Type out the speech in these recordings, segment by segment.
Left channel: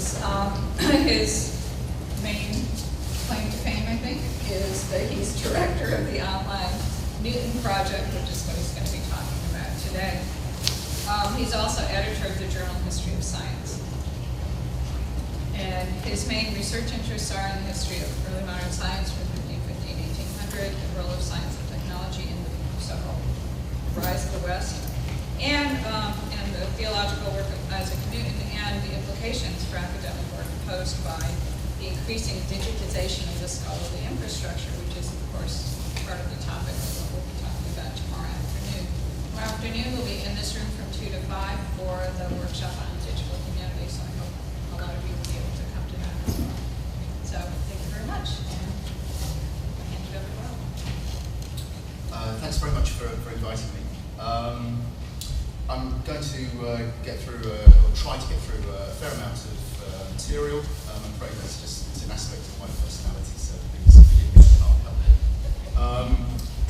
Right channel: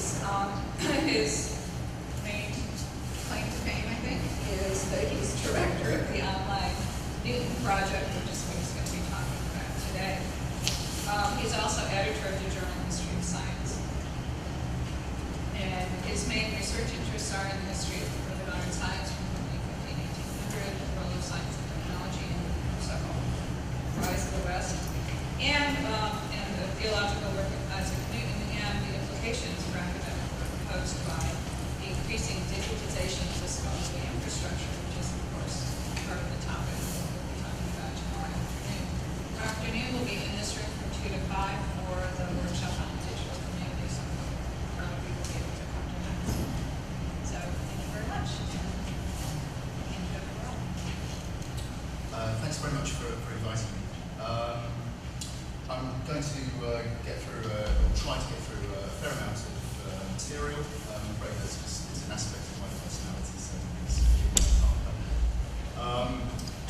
His main claim to fame, I think, is that he's director of the online Newton project, which is what he's going to be talking about today. He's also editor of the journal History of Science. And his main research interests are in the history of early modern science from 1550 to 1800, the role of science and technology in the several rise of the West, and the theological work of Isaac Newton, and the implications for academic work posed by the increasing digitization of the scholarly infrastructure, which is, of course, part of the topic of what we'll be talking about tomorrow afternoon. Tomorrow afternoon we'll be in this room from 2 to 5 for the workshop on digital humanities, so I hope a lot of you will be able to come to that as well. So thank you very much, and I'll hand it over to Will. Thanks very much for inviting me. I'm going to get through, or try to get through a fair amount of material. I'm afraid it's an aspect of my personality, so please forgive me and I'll help.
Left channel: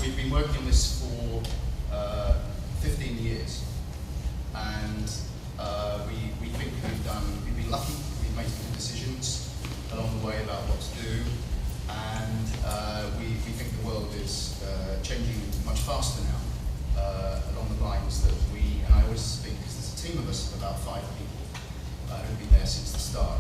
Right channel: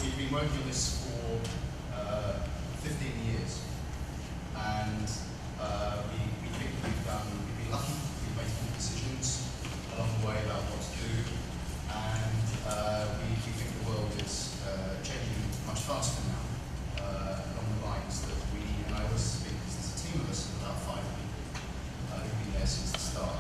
We've been working on this for 15 years, and we think we've been lucky. We've made some good decisions along the way about what to do, and we think the world is changing much faster now, along the lines that and I always speak because there's a team of us, about 5 people, who've been there since the start.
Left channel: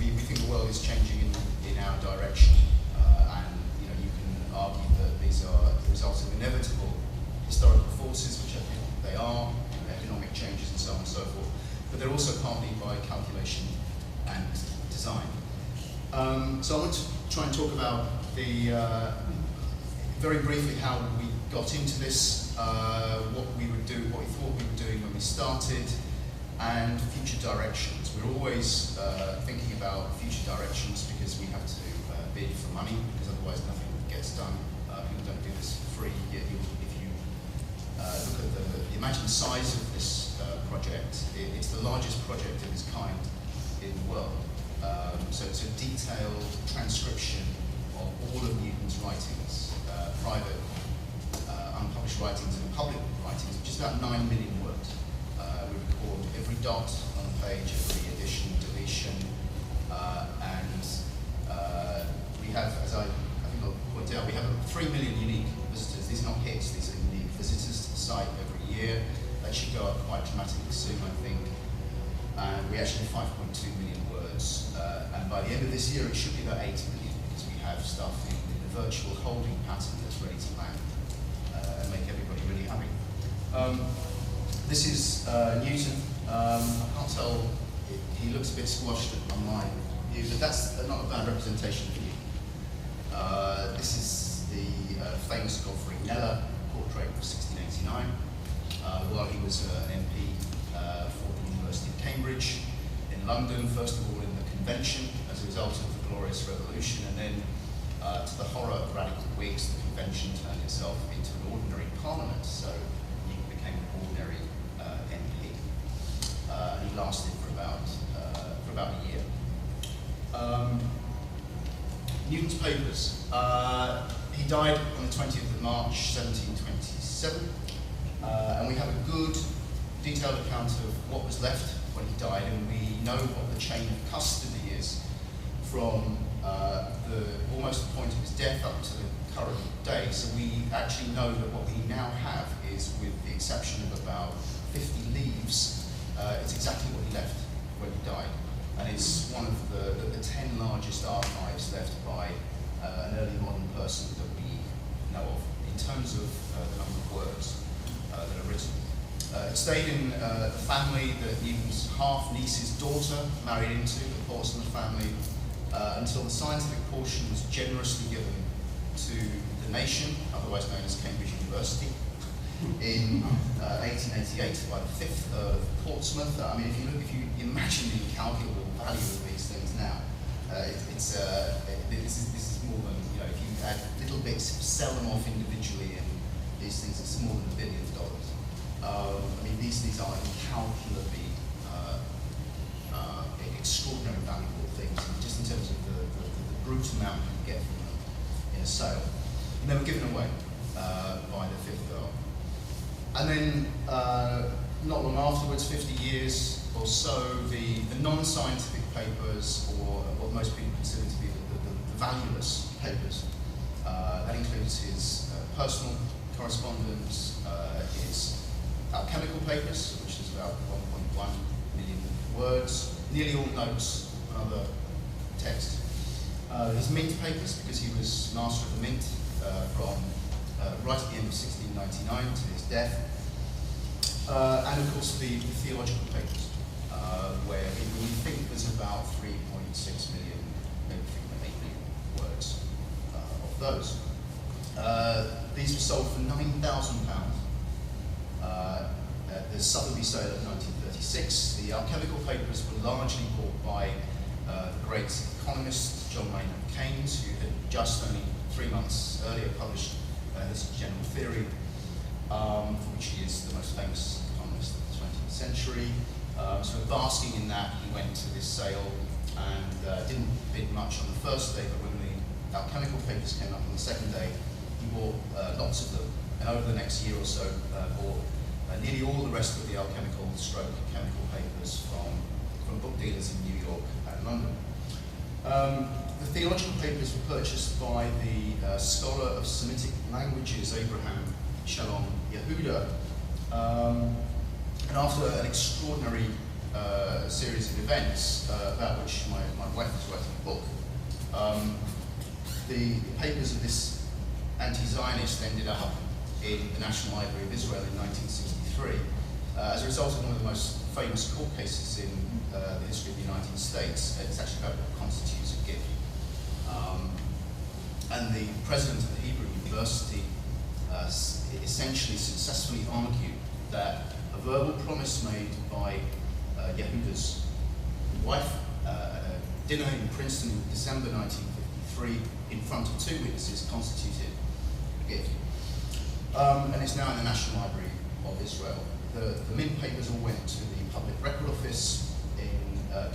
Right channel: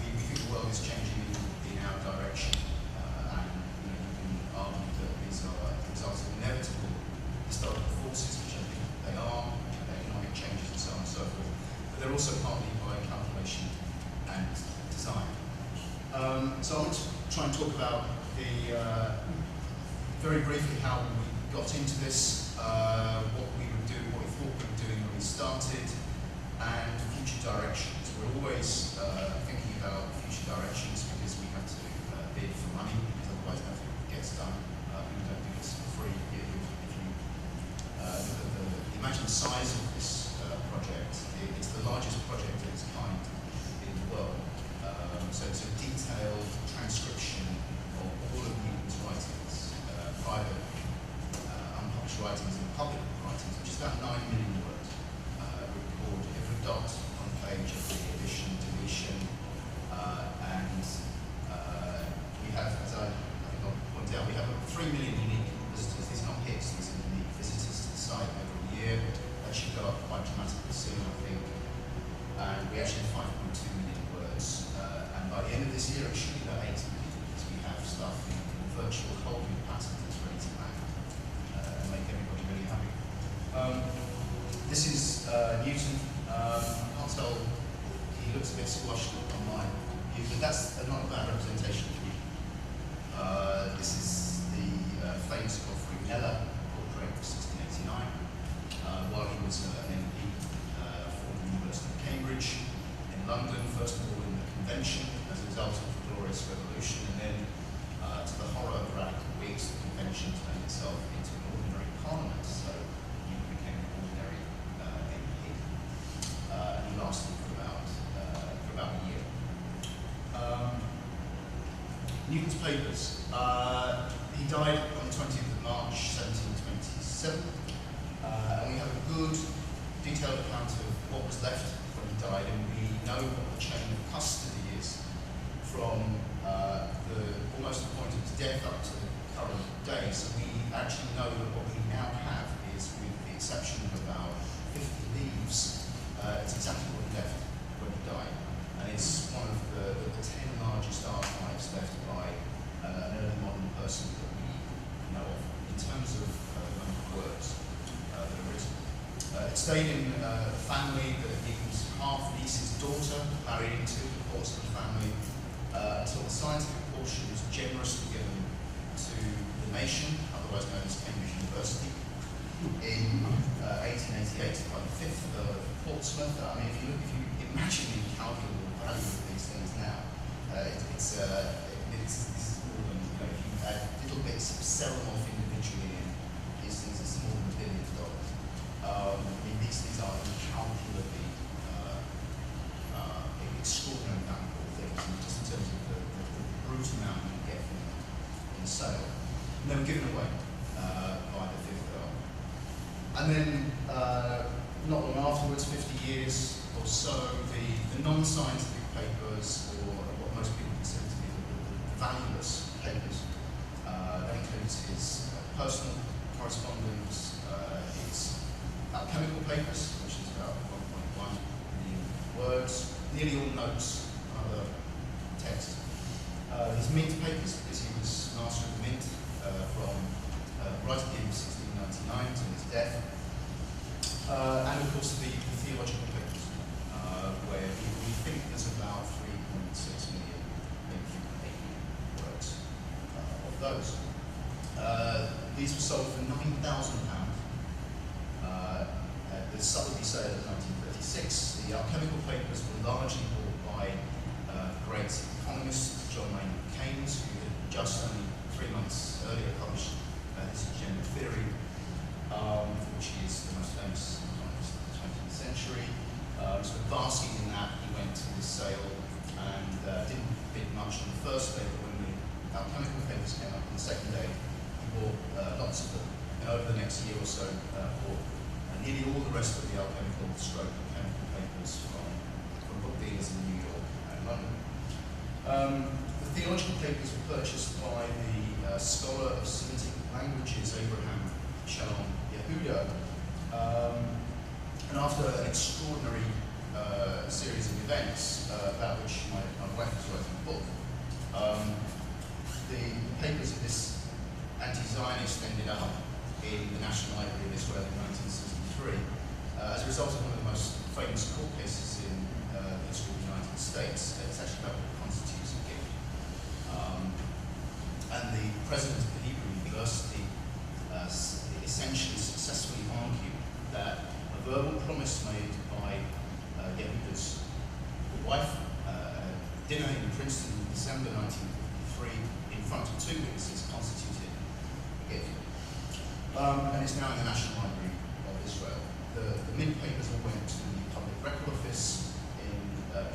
We think the world is changing in our direction, and you can argue that these are the results of inevitable historical forces, which I think they are, economic changes and so on and so forth, but they're also partly by calculation and design. So I want to try and talk about very briefly how we got into this, what we thought we were doing when we started, and future directions. We're always thinking about future directions because we have to bid for money, because otherwise nothing gets done. People don't do this for free. If you look at imagine the size of this project. It's the largest project of its kind in the world. So it's a detailed transcription of all of Newton's writings, private, unpublished writings and public writings, which is about 9 million words. We record every dot on the page, every addition, deletion, and we have, as I think I'll point out, we have 3 million unique visitors. These are not hits, these are unique visitors to the site every year. That should go up quite dramatically soon, I think. And we actually have 5.2 million words, and by the end of this year it should be about 8 million, because we have stuff in a virtual holding pattern that's ready to land. Make everybody really happy. This is Newton. I can't tell, he looks a bit squashed online, but that's not a bad representation for you. This is the famous Godfrey Kneller portrait of 1689, while he was an MP for the University of Cambridge in London, first of all in the convention as a result of the Glorious Revolution, and then to the horror of radical Whigs, the convention turned itself into an ordinary parliament, so he became an ordinary MP. He lasted for about a year. Newton's papers. He died on the 20th of March, 1727, and we have a good detailed account of what was left when he died, and we know what the chain of custody is from almost the point of his death up to the current day. So we actually know that what we now have is, with the exception of about 50 leaves, it's exactly what he left when he died. And it's one of the 10 largest archives left by an early modern person that we know of, in terms of the number of words that are written. It stayed in a family that Newton's half-niece's daughter married into, the Portsmouth family, until the scientific portion was generously given to the nation, otherwise known as Cambridge University, in 1888 by the 5th Earl of Portsmouth. I mean, if you imagine the incalculable value of these things now, this is more than, if you add little bits, sell them off individually, and these things, it's more than $1 billion. I mean, these are incalculably extraordinary valuable things, just in terms of the brute amount you get from them in a sale. And they were given away by the 5th Earl. And then, not long afterwards, 50 years or so, the non-scientific papers, or what most people consider to be the valueless papers, that includes his personal correspondence, his alchemical papers, which is about 1.1 million words, nearly all notes and other text. His mint papers, because he was master of the mint from right at the end of 1699 to his death. And of course the theological papers, where we think there's about 3.6 million, maybe 3.8 million words of those. These were sold for £9,000 at the Sotheby's sale of 1936. The alchemical papers were largely bought by the great economist John Maynard Keynes, who had just only 3 months earlier published his general theory, which is the most famous economist of the 20th century. So basking in that, he went to this sale and didn't bid much on the first day, but when the alchemical papers came up on the second day, he bought lots of them. And over the next year or so, bought nearly all the rest of the alchemical stroke chemical papers from book dealers in New York and London. The theological papers were purchased by the scholar of Semitic languages, Abraham Shalom Yehuda, and after an extraordinary series of events about which my wife was writing a book, the papers of this anti-Zionist ended up in the National Library of Israel in 1963 as a result of one of the most famous court cases in the history of the United States. It's actually about what constitutes a gift. And the president of the Hebrew University essentially successfully argued that a verbal promise made by Yehuda's wife, dinner in Princeton in December 1953 in front of 2 witnesses, constituted a gift. And it's now in the National Library of Israel. The mint papers all went to the Public Record Office in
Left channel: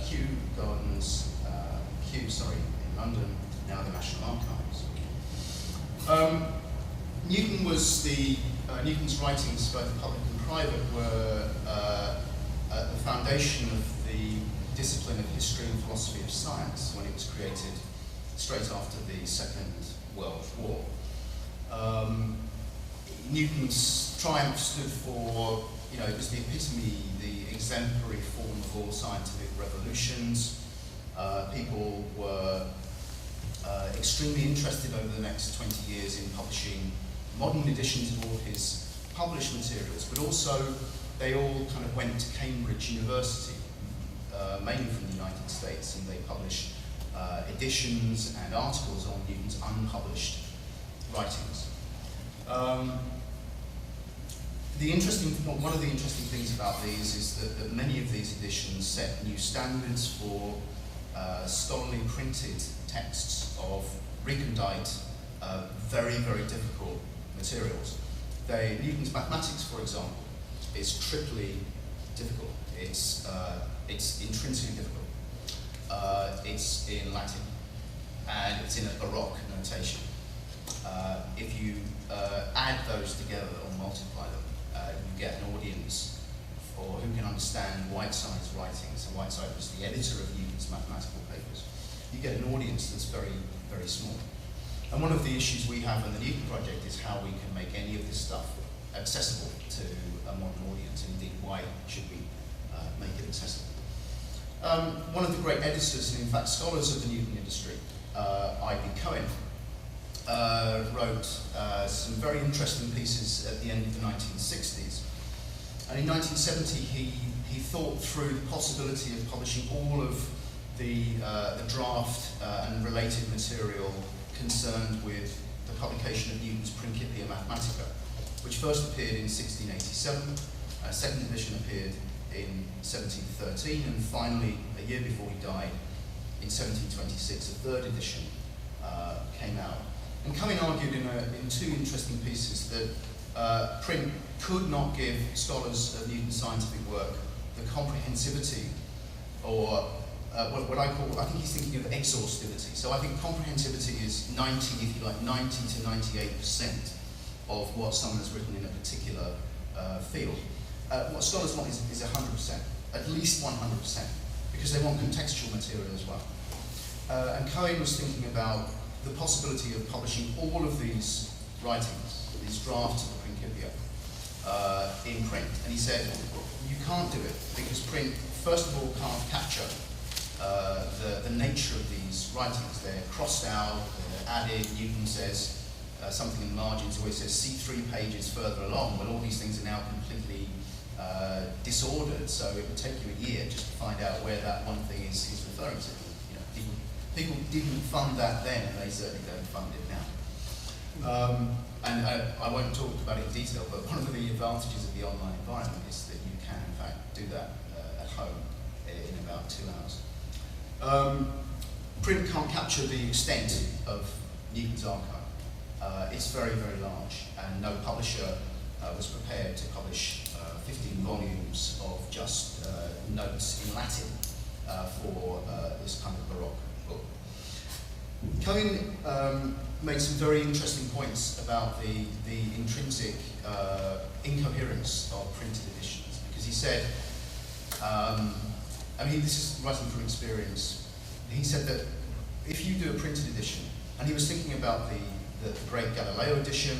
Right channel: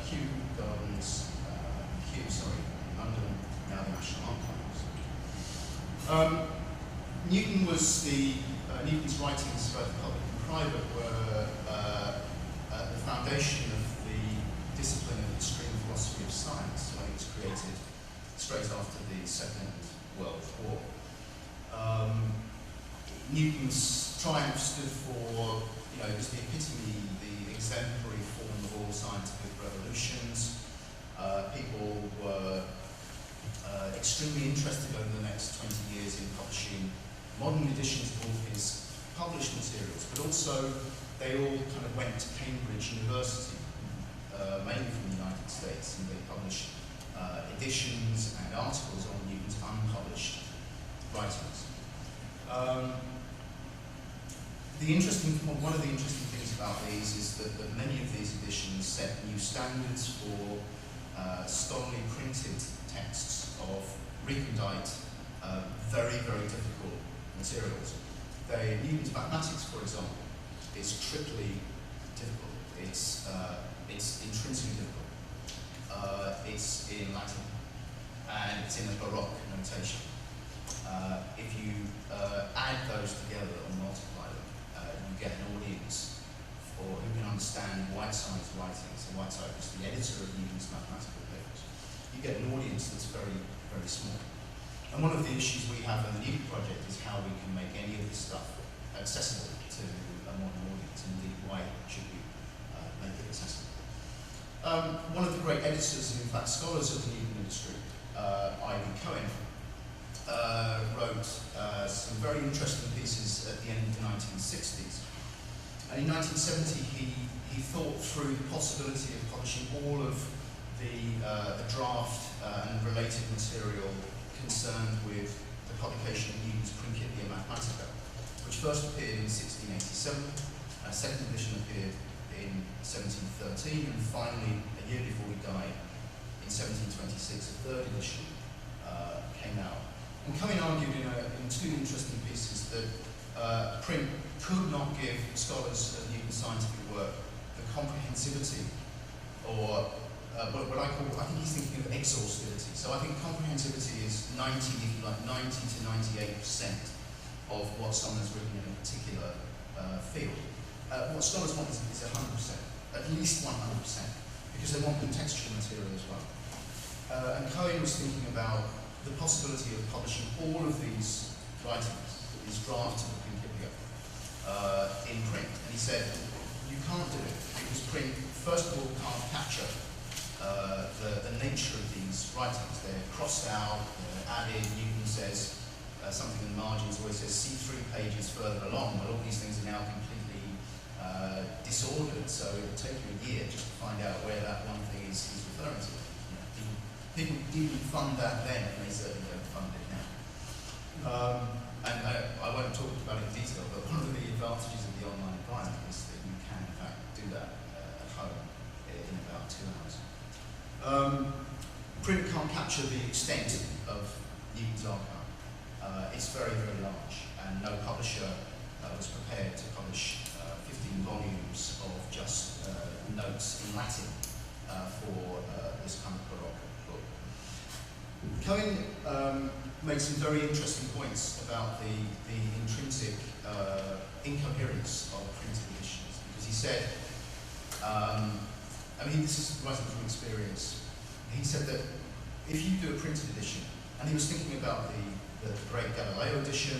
Kew Gardens, in London, now the National Archives. Newton's writings, both public and private, were at the foundation of the discipline of history and philosophy of science when it was created straight after the Second World War. Newton's triumph stood for, it was the epitome, the exemplary form of all scientific revolutions. People were extremely interested over the next 20 years in publishing modern editions of all of his published materials, but also they all kind of went to Cambridge University, mainly from the United States, and they published editions and articles on Newton's unpublished writings. One of the interesting things about these is that many of these editions set new standards for scholarly printed texts of recondite, very, very difficult materials. Newton's mathematics, for example, is triply difficult. It's intrinsically difficult. It's in Latin, and it's in a Baroque notation. If you add those together or multiply them, you get an audience who can understand Whiteside's writings. And Whiteside was the editor of Newton's mathematical papers. You get an audience that's very, very small. And one of the issues we have in the Newton project is how we can make any of this stuff accessible to a modern audience. Indeed, why should we make it accessible? One of the great editors and, in fact, scholars of the Newton industry, I.B. Cohen, wrote some very interesting pieces at the end of the 1960s. And in 1970, he thought through the possibility of publishing all of the draft and related material concerned with the publication of Newton's Principia Mathematica, which first appeared in 1687, a second edition appeared in 1713, and finally, a year before he died, in 1726, a third edition came out. And Cumming argued in two interesting pieces that print could not give scholars of Newton's scientific work the comprehensivity, or what I think he's thinking of exhaustivity. So I think comprehensivity is 90 to 98% of what someone has written in a particular field. what scholars want is 100%, at least 100%, because they want contextual material as well. And Cohen was thinking about the possibility of publishing all of these writings, these drafts of the Principia, in print. And he said, you can't do it, because print, first of all, can't capture the nature of these writings. They're crossed out, they're added. Newton says something in the margins where he says, see 3 pages further along. Well, all these things are now completely disordered, so it would take you a year just to find out where that one thing is he's referring to. You know, people didn't fund that then, and they certainly don't fund it now. And I won't talk about it in detail, but one of the advantages of the online environment is that you can, in fact, do that at home in about 2 hours. Print can't capture the extent of Newton's archive. It's very, very large, and no publisher was prepared to publish 15 volumes of just notes in Latin for this kind of Baroque book. Cohen made some very interesting points about the intrinsic incoherence of printed editions, because he said, I mean, this is writing from experience. He said that if you do a printed edition, and he was thinking about the great Galileo edition,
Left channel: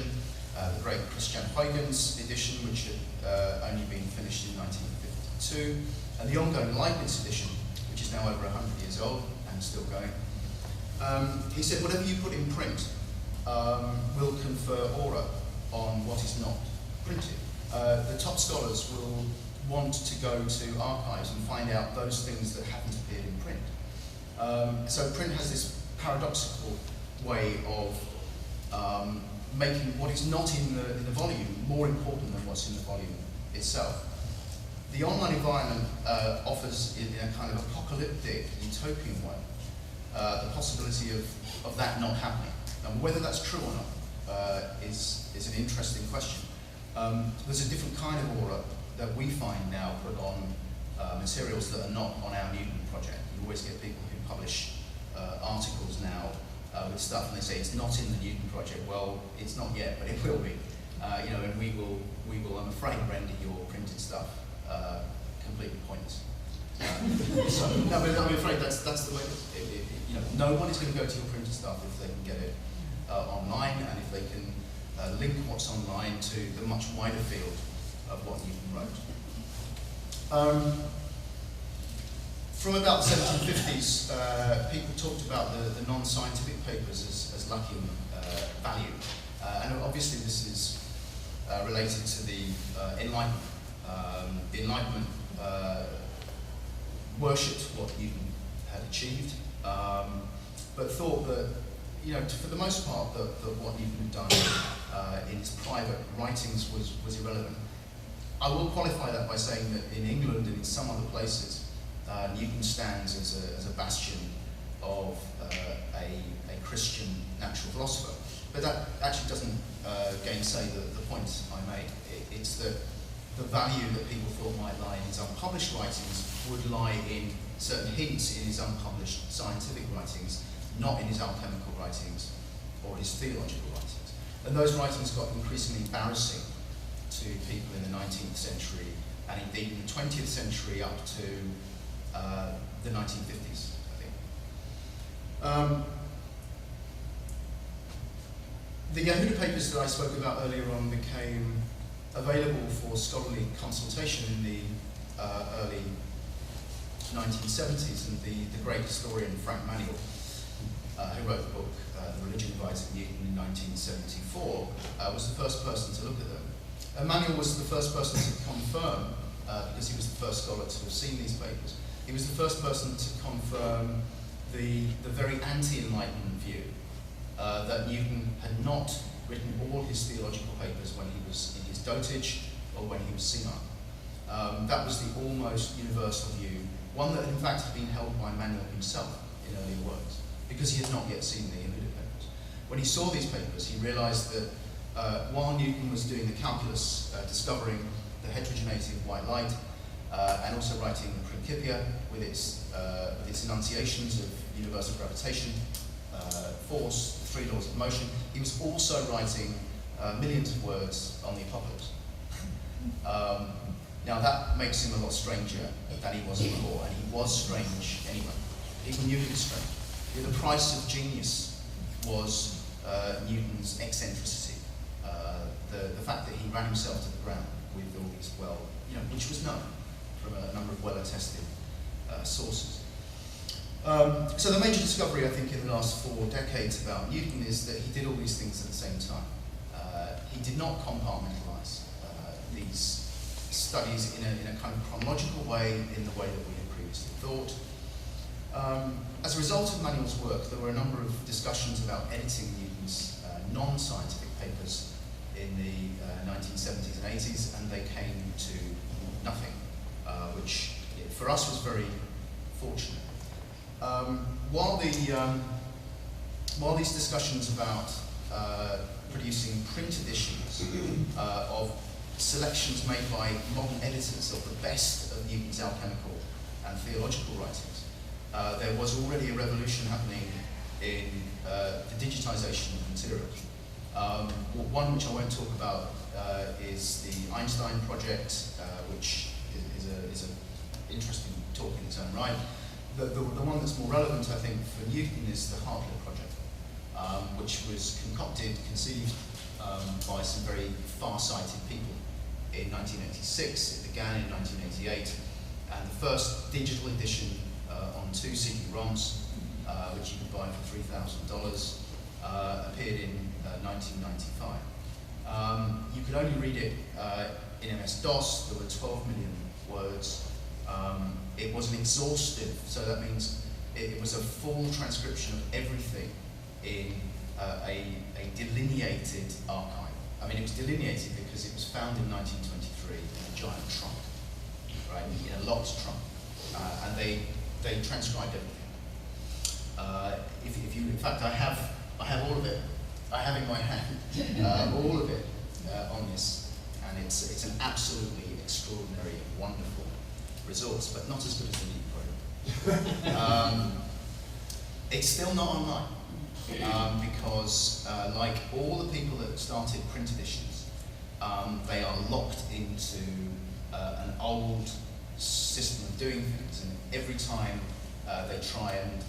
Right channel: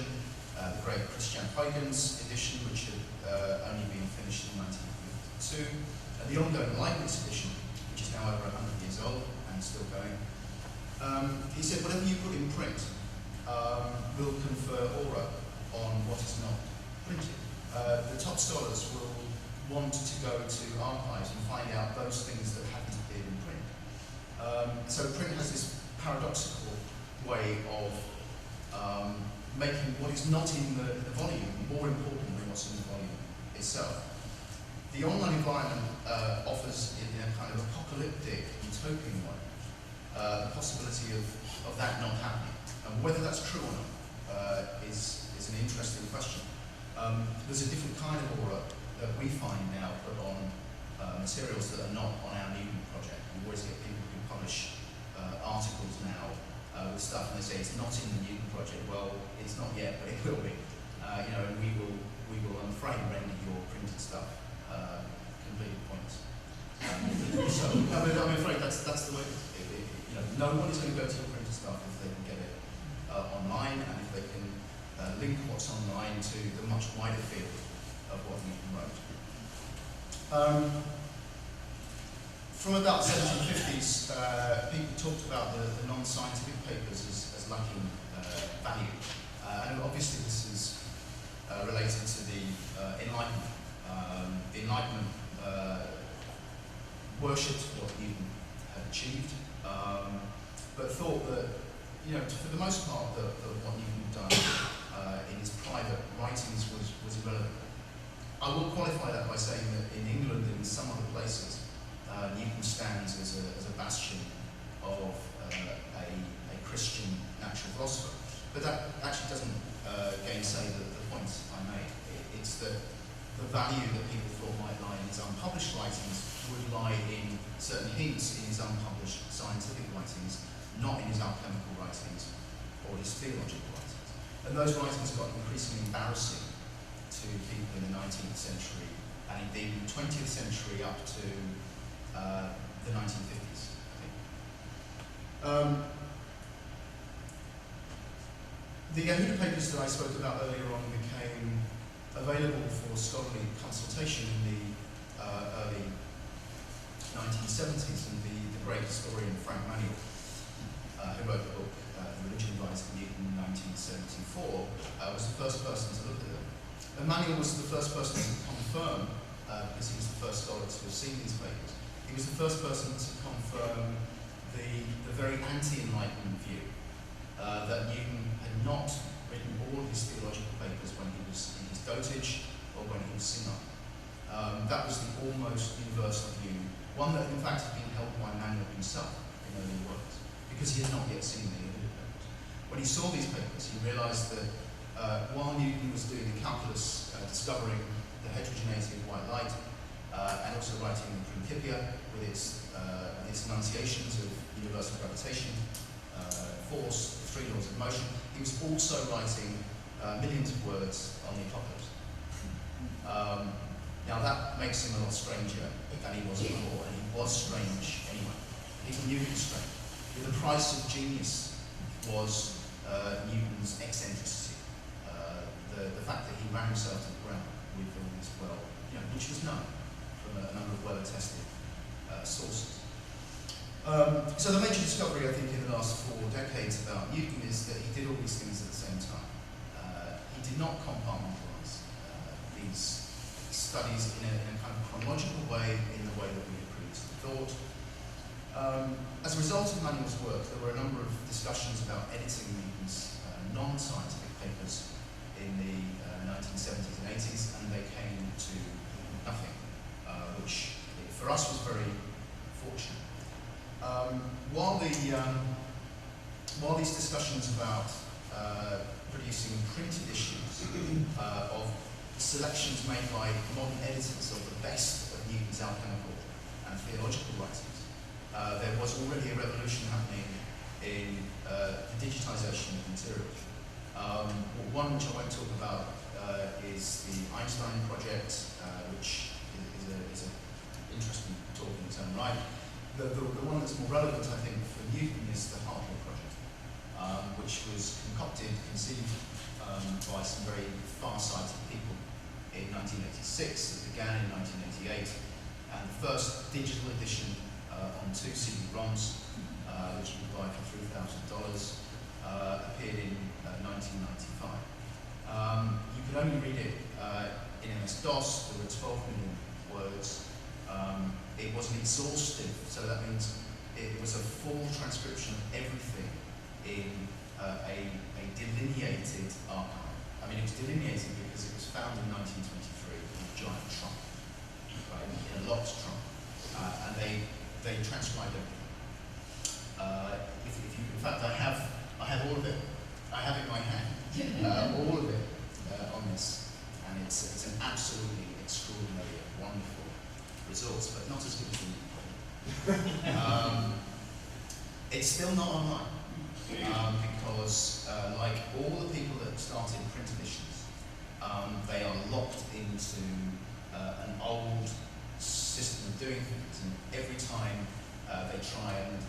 the great Christian Huygens edition, which had only been finished in 1952, and the ongoing Leibniz edition, which is now over 100 years old and still going. He said, whatever you put in print will confer aura on what is not printed. The top scholars will want to go to archives and find out those things that haven't appeared in print. So print has this paradoxical way of making what is not in the volume more important than what's in the volume itself. The online environment offers, in a kind of apocalyptic, utopian way, the possibility of that not happening. And whether that's true or not is an interesting question. There's a different kind of aura that we find now put on materials that are not on our Newton project. We always get people who publish articles now with stuff, and they say it's not in the Newton project. Well, it's not yet, but it will be. You know, and we will, I'm afraid, render your printed stuff completely pointless. So, no, but I'm afraid that's the way. You know, no one is going to go to your printed stuff if they can get it online, and if they can link what's online to the much wider field of what Newton wrote. From about the 1750s, people talked about the non-scientific papers as lacking value. And obviously this is related to the Enlightenment. The Enlightenment worshipped what Newton had achieved, but thought that, you know, for the most part, that what Newton had done in his private writings was irrelevant. I will qualify that by saying that in England and in some other places, Newton stands as a bastion of a Christian natural philosopher. But that actually doesn't gainsay the point I made. It's that the value that people thought might lie in his unpublished writings would lie in certain hints in his unpublished scientific writings, not in his alchemical writings or his theological writings. And those writings got increasingly embarrassing to people in the 19th century, and indeed in the 20th century up to the 1950s, I think. The Yehuda papers that I spoke about earlier on became available for scholarly consultation in the early 1970s, and the great historian Frank Manuel, who wrote the book The Religion of Isaac Newton in 1974, was the first person to look at them. And Manuel was the first person to confirm, because he was the first scholar to have seen these papers, he was the first person to confirm the very anti-Enlightenment view that Newton had not written all his theological papers when he was in his dotage or when he was senile. That was the almost universal view, one that in fact had been held by Manuel himself in earlier works, because he had not yet seen the Yehuda papers. When he saw these papers, he realized that while Newton was doing the calculus, discovering the heterogeneity of white light, and also writing the Principia with its enunciations of universal gravitation, force, the 3 laws of motion, he was also writing millions of words on the apocalypse. Now that makes him a lot stranger than he was before, and he was strange anyway. People knew he was strange. The price of genius was Newton's eccentricity, the fact that he ran himself to the ground with all this which was known from a number of well-attested sources. So the major discovery, I think, in the last 4 decades about Newton is that he did all these things at the same time. He did not compartmentalize these studies in a kind of chronological way, in the way that we had previously thought. As a result of Manuel's work, there were a number of discussions about editing Newton's non-scientific papers in the 1970s and 80s, and they came to nothing, which for us was very fortunate. While these discussions about producing print editions of selections made by modern editors of the best of Newton's alchemical and theological writings, there was already a revolution happening in the digitization of materials. One which I won't talk about is the Einstein project, which is an interesting talk in its own right. The one that's more relevant, I think, for Newton is the Hartley project, which was conceived by some very far-sighted people in 1986. It began in 1988, and the first digital edition on 2 CD-ROMs, which you could buy for $3,000, appeared in 1995. You could only read it in MS-DOS. There were 12 million words. It wasn't exhaustive, so that means it was a full transcription of everything in a delineated archive. I mean, it was delineated because it was found in 1923 in a giant trunk, right, in a locked trunk, and they transcribed everything. In fact, I have all of it. I have in my hand all of it on this, and it's an absolutely extraordinary and wonderful resource, but not as good as the Neat project. It's still not online because, like all the people that started print editions, they are locked into an old system of doing things, and every time they try and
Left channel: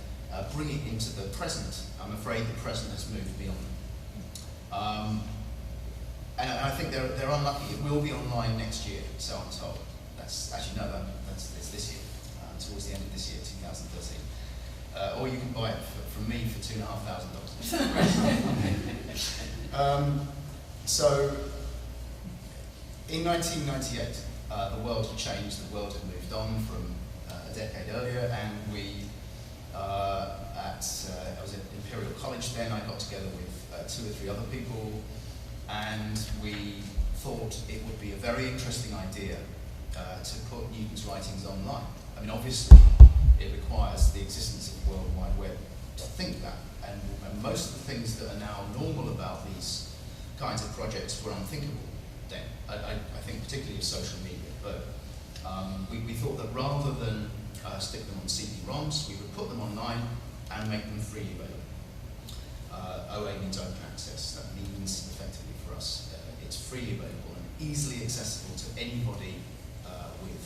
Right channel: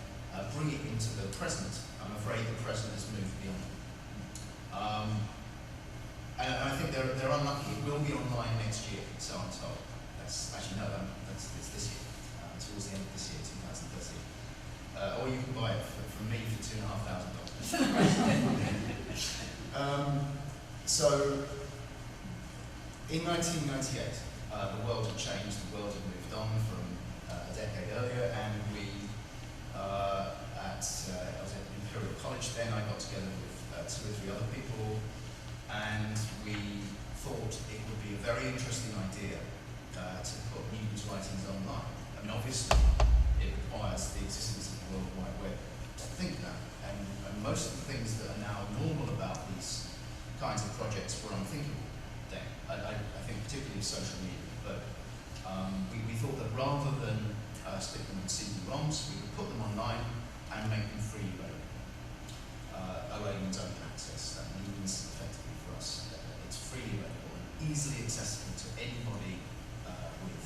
bring it into the present, I'm afraid the present has moved beyond it. And I think they're unlucky. It will be online next year, so I'm told. That's actually no, it's this year, towards the end of this year, 2013. Or you can buy it from me for $2,500. So, in 1998, the world had changed. The world had moved on from a decade earlier, and I was at Imperial College then. I got together with 2 or 3 other people, and we thought it would be a very interesting idea to put Newton's writings online. I mean, obviously, it requires the existence of the World Wide Web to think that, and most of the things that are now normal about these kinds of projects were unthinkable then. I think particularly of social media, but we thought that rather than stick them on CD-ROMs, we would put them online and make them freely available. OA means open access. That means, effectively for us, it's freely available and easily accessible to anybody with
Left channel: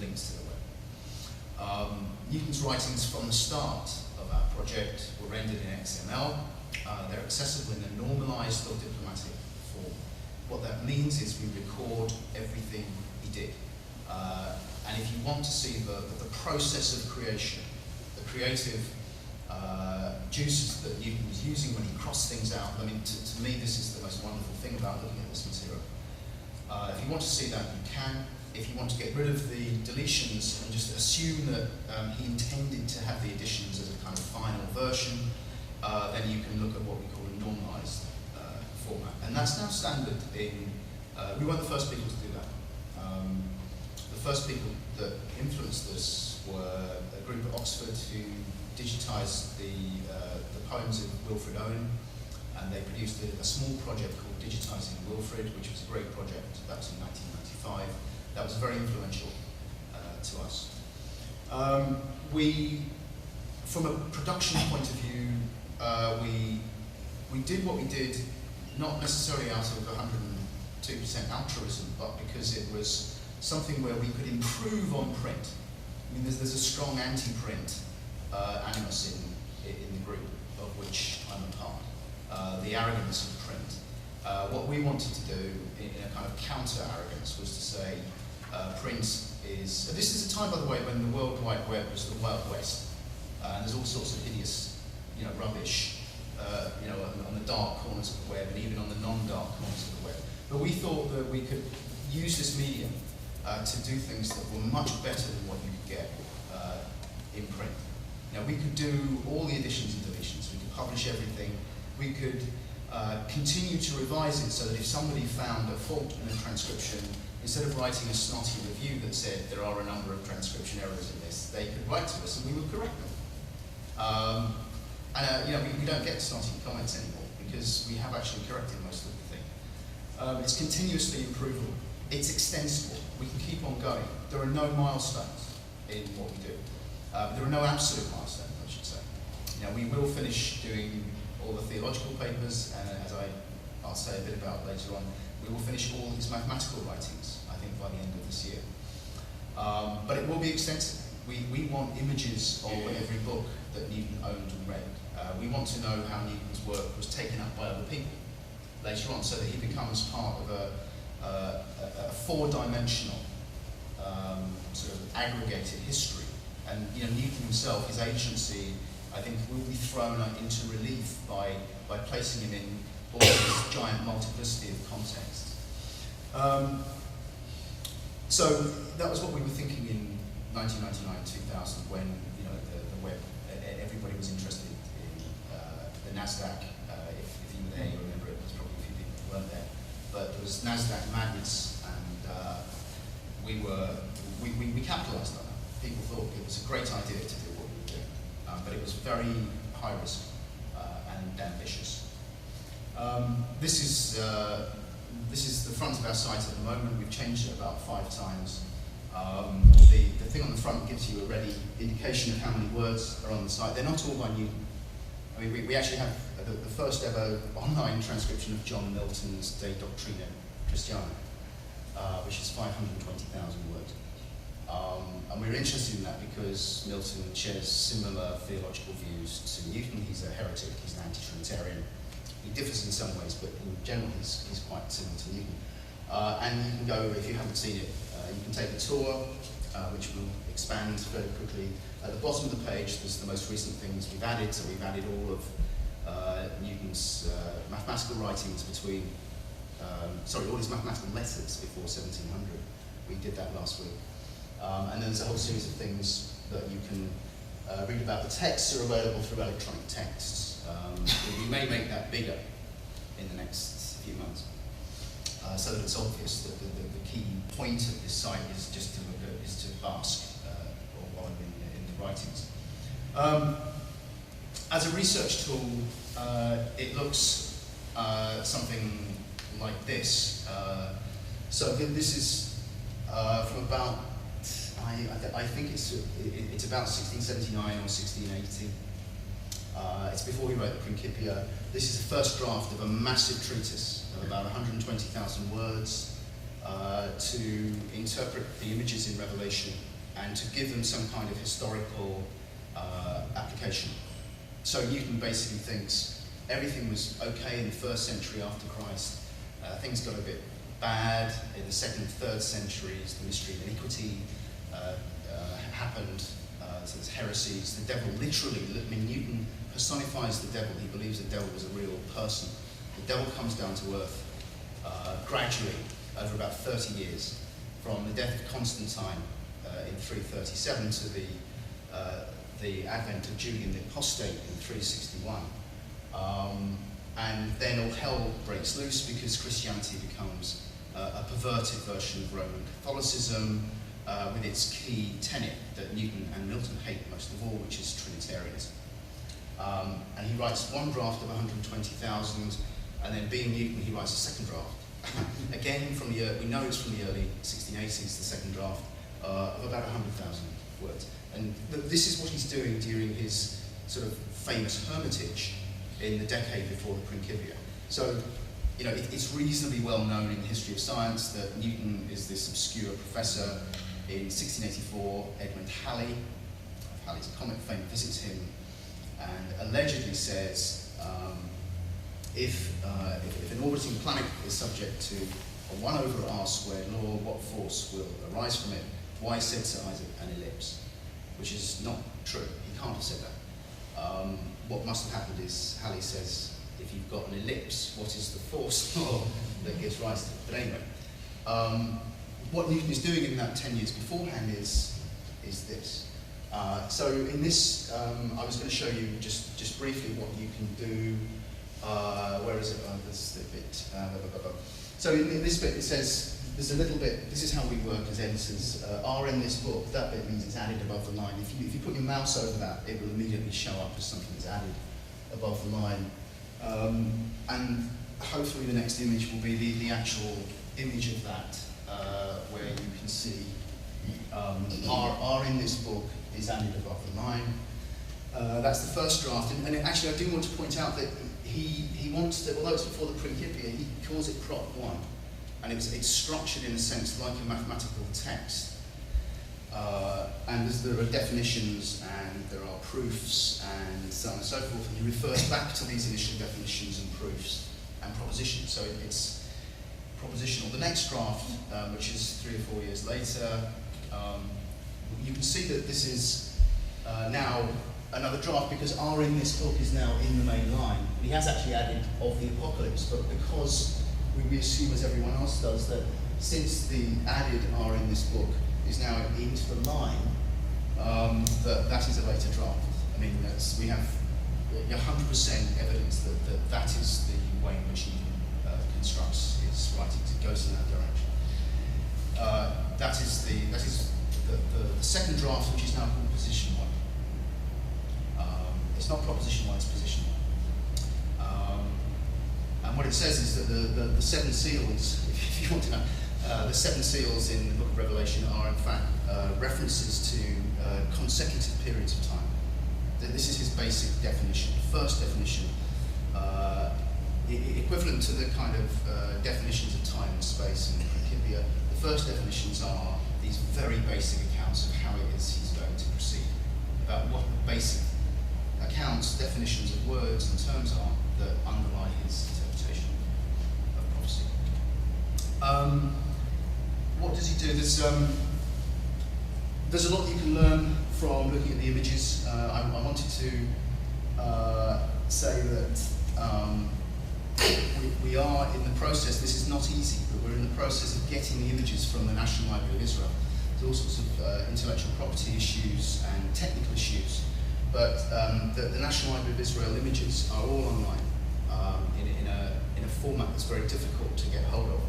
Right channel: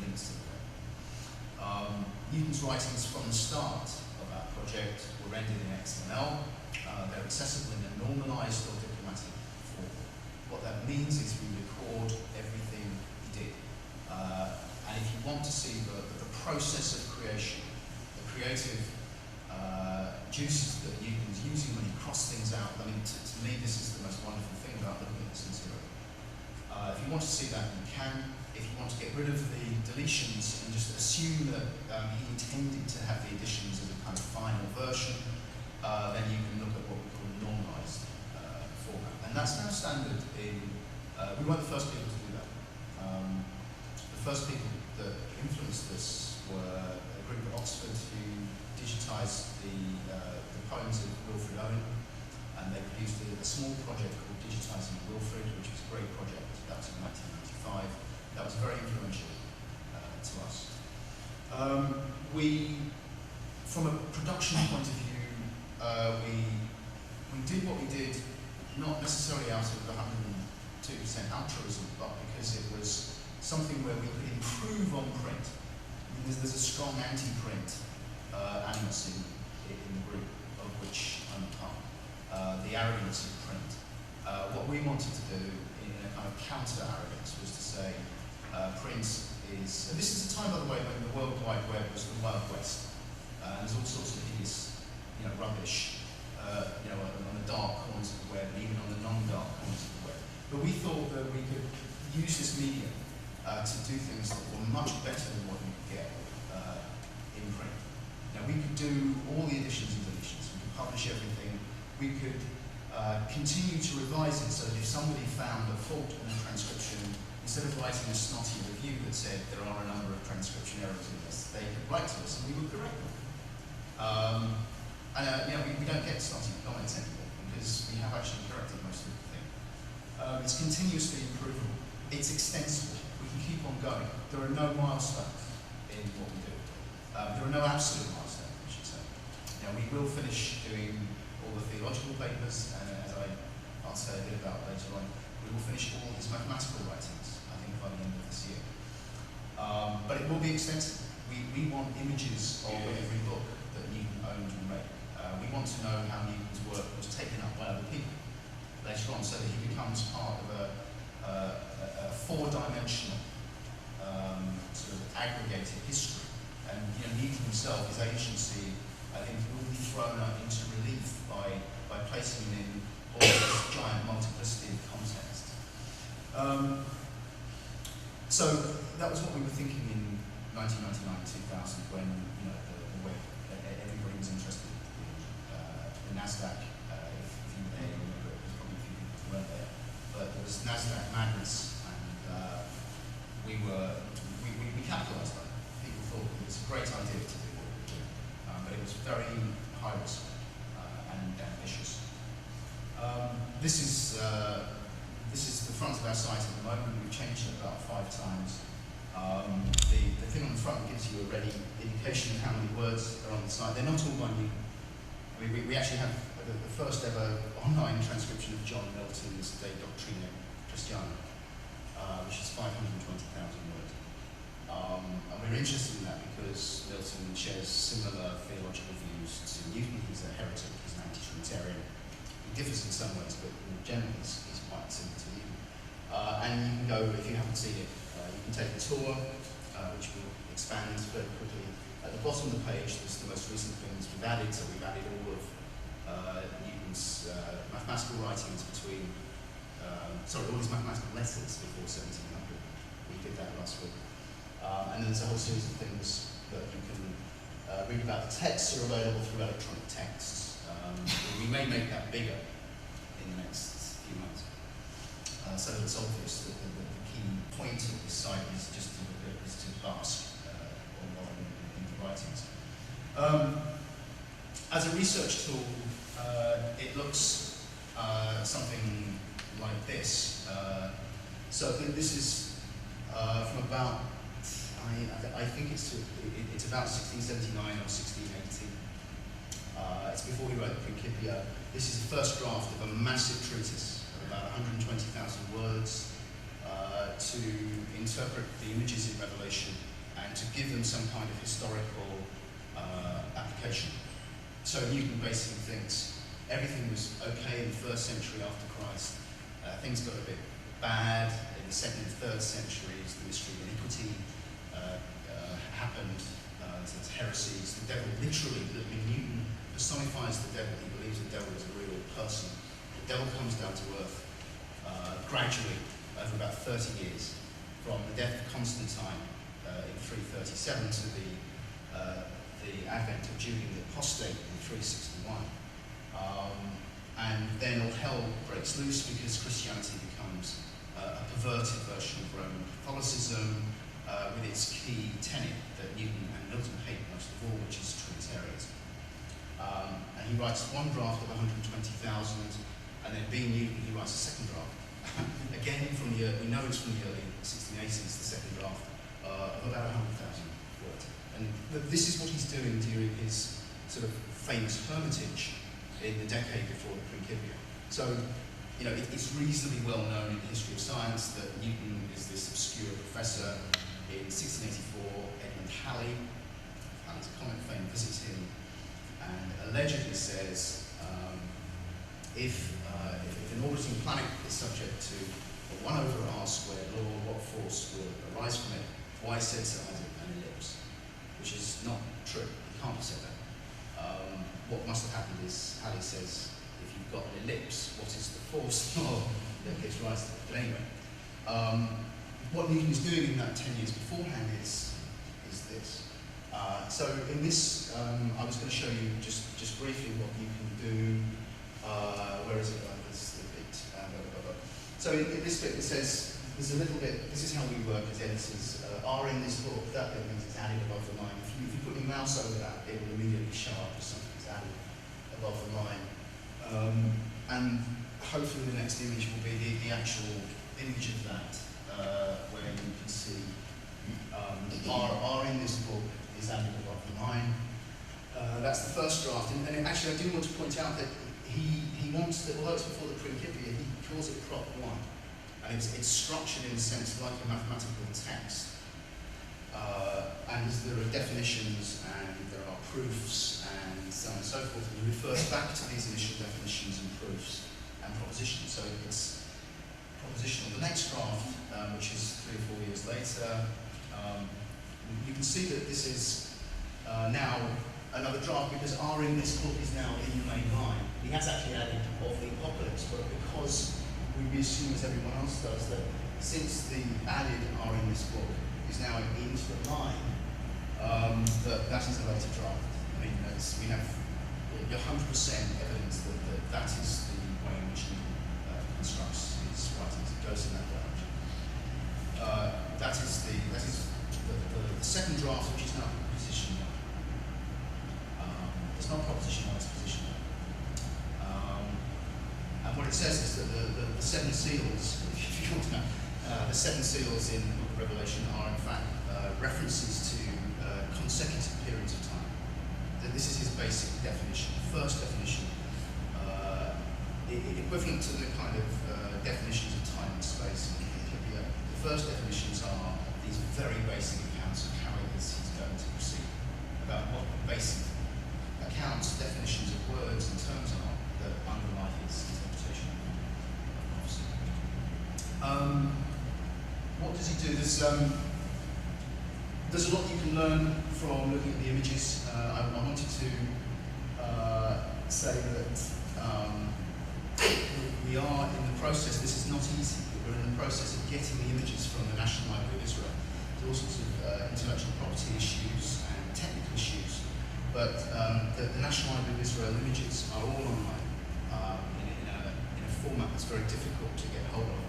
links to the web. Newton's writings from the start of our project were rendered in XML. They're accessible in a normalized or diplomatic form. What that means is we record everything we did. And if you want to see the process of creation, the creative juices that Newton was using when he crossed things out, I mean, to me, this is the most wonderful thing about looking at this material. If you want to see that, you can. If you want to get rid of the deletions and just assume that he intended to have the additions as a kind of final version, then you can look at what we call a normalized format. And that's now standard in, we weren't the first people to do that. The first people that influenced us were a group at Oxford who digitized the poems of Wilfred Owen, and they produced a small project called Digitizing Wilfred, which was a great project. That was in 1995. That was very influential to us. From a production point of view, we did what we did, not necessarily out of 2% altruism, but because it was something where we could improve on print. I mean, there's a strong anti-print animus in the group, of which I'm a part. The arrogance of print. What we wanted to do, in a kind of counter-arrogance, was to say print is... And this is a time, by the way, when the World Wide Web was the Wild West. And there's all sorts of hideous, rubbish, on the dark corners of the web, and even on the non-dark corners of the web. But we thought that we could use this medium to do things that were much better than what you could get in print. Now, we could do all the additions and deletions. We could publish everything. We could continue to revise it so that if somebody found a fault in a transcription, instead of writing a snotty review that said there are a number of transcription errors in this, they could write to us and we would correct them. We don't get snotty comments anymore because we have actually corrected most of the thing. It's continuously improvable. It's extensible. We can keep on going. There are no milestones in what we do. There are no absolute milestones, I should say. We will finish doing all the theological papers, and as I'll say a bit about later on, we will finish all his mathematical writings, I think, by the end of this year. But it will be extensive. We want images of every book that Newton owned and read. We want to know how Newton's work was taken up by other people later on, so that he becomes part of a four-dimensional sort of aggregated history. And Newton himself, his agency, I think, will be thrown into relief by placing him in all this giant multiplicity of contexts. So that was what we were thinking in 1999-2000 when the web, everybody was interested in the NASDAQ. If you were there, you remember it. There's probably a few people who weren't there, but there was NASDAQ madness, and we capitalised on it. People thought it was a great idea to do what we were doing, but it was very high risk and ambitious. This is the front of our site at the moment. We've changed it about 5 times. The thing on the front gives you a ready indication of how many words are on the site. They're not all by Newton. I mean, we actually have the first ever online transcription of John Milton's De Doctrina Christiana, which is 520,000 words. And we're interested in that because Milton shares similar theological views to Newton. He's a heretic, he's an anti-Trinitarian. He differs in some ways, but in general he's quite similar to Newton. And you can go, if you haven't seen it, you can take a tour, which will expand very quickly. At the bottom of the page, there's the most recent things we've added. So we've added all of Newton's mathematical writings between, all his mathematical letters before 1700. We did that last week. And then there's a whole series of things that you can read about. The texts are available through electronic texts. We may make that bigger in the next few months, so that it's obvious that the key point of this site is just to bask while in the writings. As a research tool, it looks something like this. So this is from about, I think it's about 1679 or 1680. It's before he wrote the Principia. This is the first draft of a massive treatise of about 120,000 words to interpret the images in Revelation and to give them some kind of historical application. So Newton basically thinks everything was okay in the 1st century after Christ. Things got a bit bad in the 2nd and 3rd centuries. The mystery of iniquity happened. So there's heresies. The devil literally, Newton personifies the devil. He believes the devil is a real person. The devil comes down to earth gradually over about 30 years, from the death of Constantine in 337 to the advent of Julian the Apostate in 361. And then all hell breaks loose because Christianity becomes a perverted version of Roman Catholicism, with its key tenet that Newton and Milton hate most of all, which is Trinitarianism. And he writes one draft of 120,000, and then being Newton, he writes a second draft. Again, we know it's from the early 1680s, the second draft, of about 100,000 words. And this is what he's doing during his sort of famous hermitage in the decade before the Principia. So you know, it's reasonably well known in the history of science that Newton is this obscure professor. In 1684, Edmund Halley, Halley's comet fame, visits him and allegedly says, if an orbiting planet is subject to a 1 over r squared law, what force will arise from it? Why said Sir Isaac an ellipse? Which is not true. He can't have said that. What must have happened is, Halley says, if you've got an ellipse, what is the force law that gives rise to it? But anyway, what Newton is doing in that 10 years beforehand is this. So in this, I was going to show you just briefly what you can do. Where is it? This is a bit. So in this bit, it says there's a little bit. This is how we work as editors. R in this book. That bit means it's added above the line. If you put your mouse over that, it will immediately show up as something that's added above the line. And hopefully the next image will be the actual image of that, where you can see R in this book is added above the line. That's the first draft, and actually I do want to point out that he wants to, although it's before the Principia, he calls it Prop 1, and it's structured in a sense like a mathematical text. And there are definitions and there are proofs and so on and so forth, and he refers back to these initial definitions and proofs and propositions, so it's propositional. The next draft, which is 3 or 4 years later, you can see that this is now another draft, because R in this book is now in the main line. He has actually added of the apocalypse, but because we assume, as everyone else does, that since the added R in this book is now into the line, that is a later draft. I mean, we have 100% evidence that is the way in which he constructs his writings. It goes in that direction. That is the second draft, which is now position 1. It's not proposition 1, it's position 1. And what it says is that the 7 seals, if you want to know, the 7 seals in the book of Revelation are in fact references to consecutive periods of time. This is his basic definition. The first definition, equivalent to the kind of definitions of time and space in the Principia, the first definitions are these very basic accounts of how it is he's going to proceed, about what basic accounts, definitions of words and terms are that underlie his interpretation of prophecy. What does he do? There's a lot you can learn from looking at the images. I wanted to say that we are in the process, this is not easy, but we're in the process of getting the images from the National Library of Israel. There's all sorts of intellectual property issues and technical issues, but the National Library of Israel images are all online in a format that's very difficult to get hold of.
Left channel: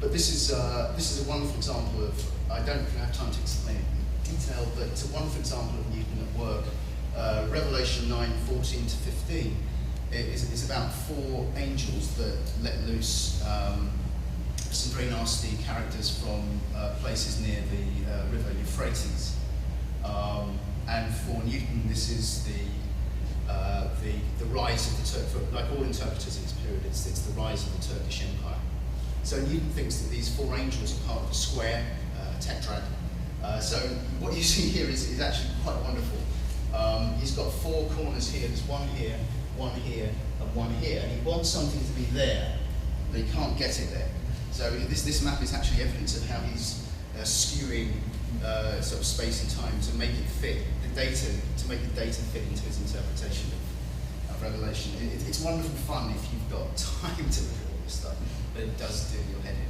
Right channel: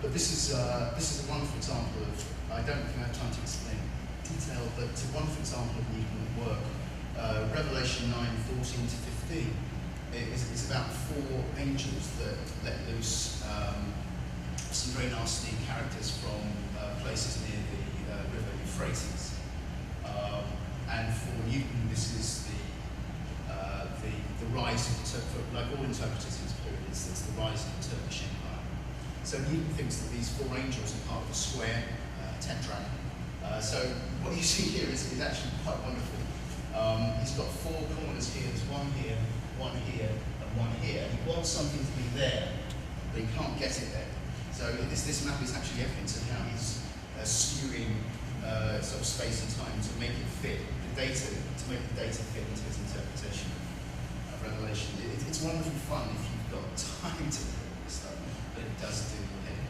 But this is a wonderful example of, I don't think I have time to explain it in detail, but it's a wonderful example of Newton at work. Revelation 9:14 to 15 is about 4 angels that let loose some very nasty characters from places near the river Euphrates. And for Newton, this is the rise of the like all interpreters in this period, it's the rise of the Turkish Empire. So Newton thinks that these 4 angels are part of a square, tetrad. So what you see here is actually quite wonderful. He's got 4 corners here. There's one here, and one here. And he wants something to be there, but he can't get it there. So this map is actually evidence of how he's skewing sort of space and time to make it fit the data, to make the data fit into his interpretation of Revelation. It's wonderful fun if you've got time to look at all this stuff, but it does do your head in.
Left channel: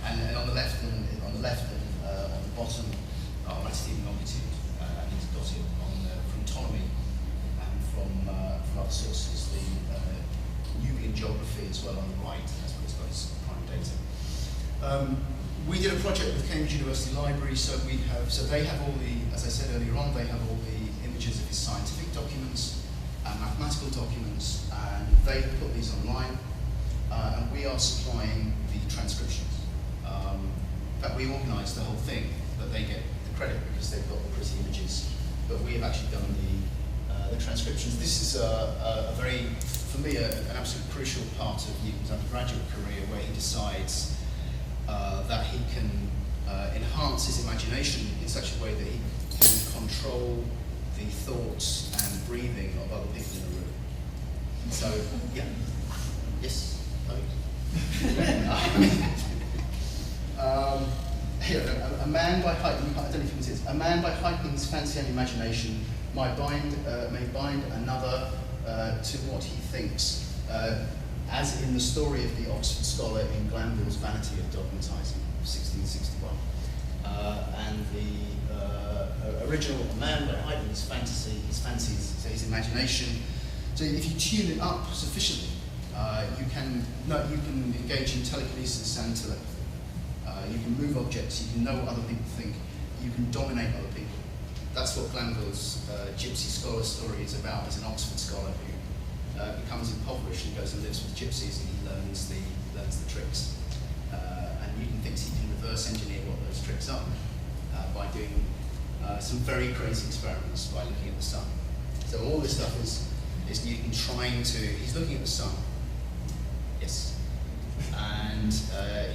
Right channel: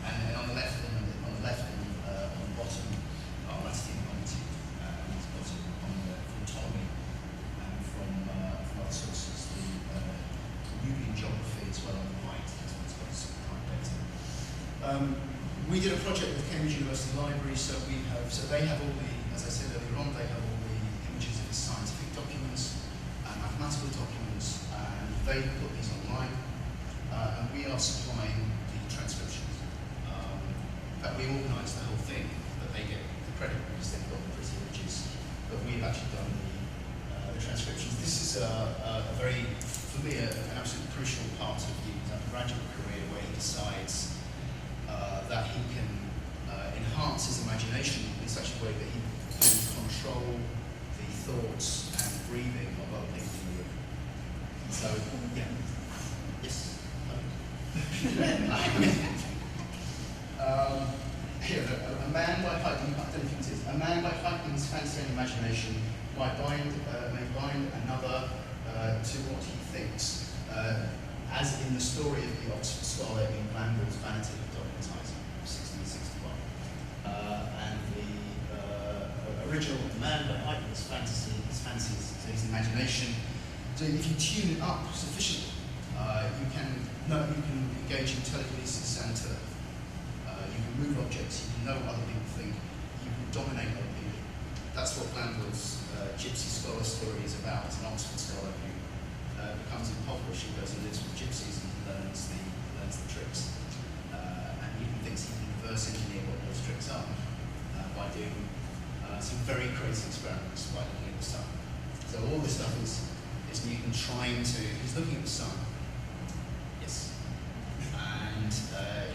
And on the left and on the bottom are latitude and longitude, and he's got it from Ptolemy and from other sources. The Nubian geography as well on the right. That's what it's got as prime data. We did a project with Cambridge University Library, so they have all the, as I said earlier on, they have all the images of his scientific documents and mathematical documents, and they put these online, and we are supplying the transcriptions. But we organise the whole thing, but they get the credit because they've got the pretty images. But we have actually done the transcriptions. This is a very for me, an absolutely crucial part of Newton's undergraduate career, where he decides that he can enhance his imagination in such a way that he can control the thoughts and breathing of other people in the room. So, yeah. Yes? Here, a man by heightened, I don't know if you can see this, a man by heightened fancy and imagination may bind another to what he thinks, as in the story of the Oxford scholar in Glanville's Vanity of Dogmatising, 1661. And the original man by heightened his fancies, so his imagination. So if you tune it up sufficiently, you can engage in telekinesis and telepathy. You can move objects, you can know what other people think, you can dominate other people. That's what Glanville's gypsy scholar story is about, as an Oxford scholar who becomes impoverished and goes and lives with gypsies and learns the tricks. And Newton thinks he can reverse engineer what those tricks are by doing some very crazy experiments by looking at the sun. So all this stuff is Newton he's looking at the sun. Yes. And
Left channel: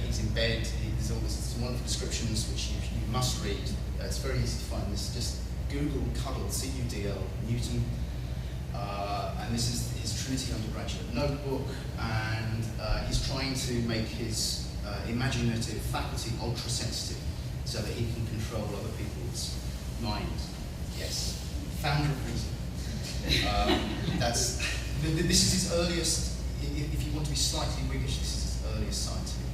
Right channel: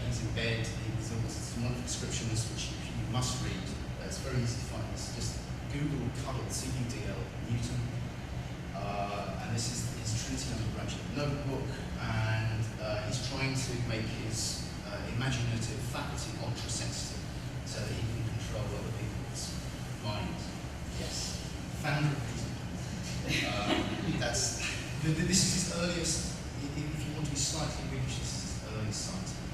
he's in bed. There's all these wonderful descriptions which you must read. It's very easy to find this. Just Google Cuddle, C-U-D-L, Newton. And this is his Trinity undergraduate notebook. And he's trying to make his imaginative faculty ultra-sensitive so that he can control other people's minds. Yes. Founder of reason. This is his earliest, if you want to be slightly Whiggish, this is his earliest scientific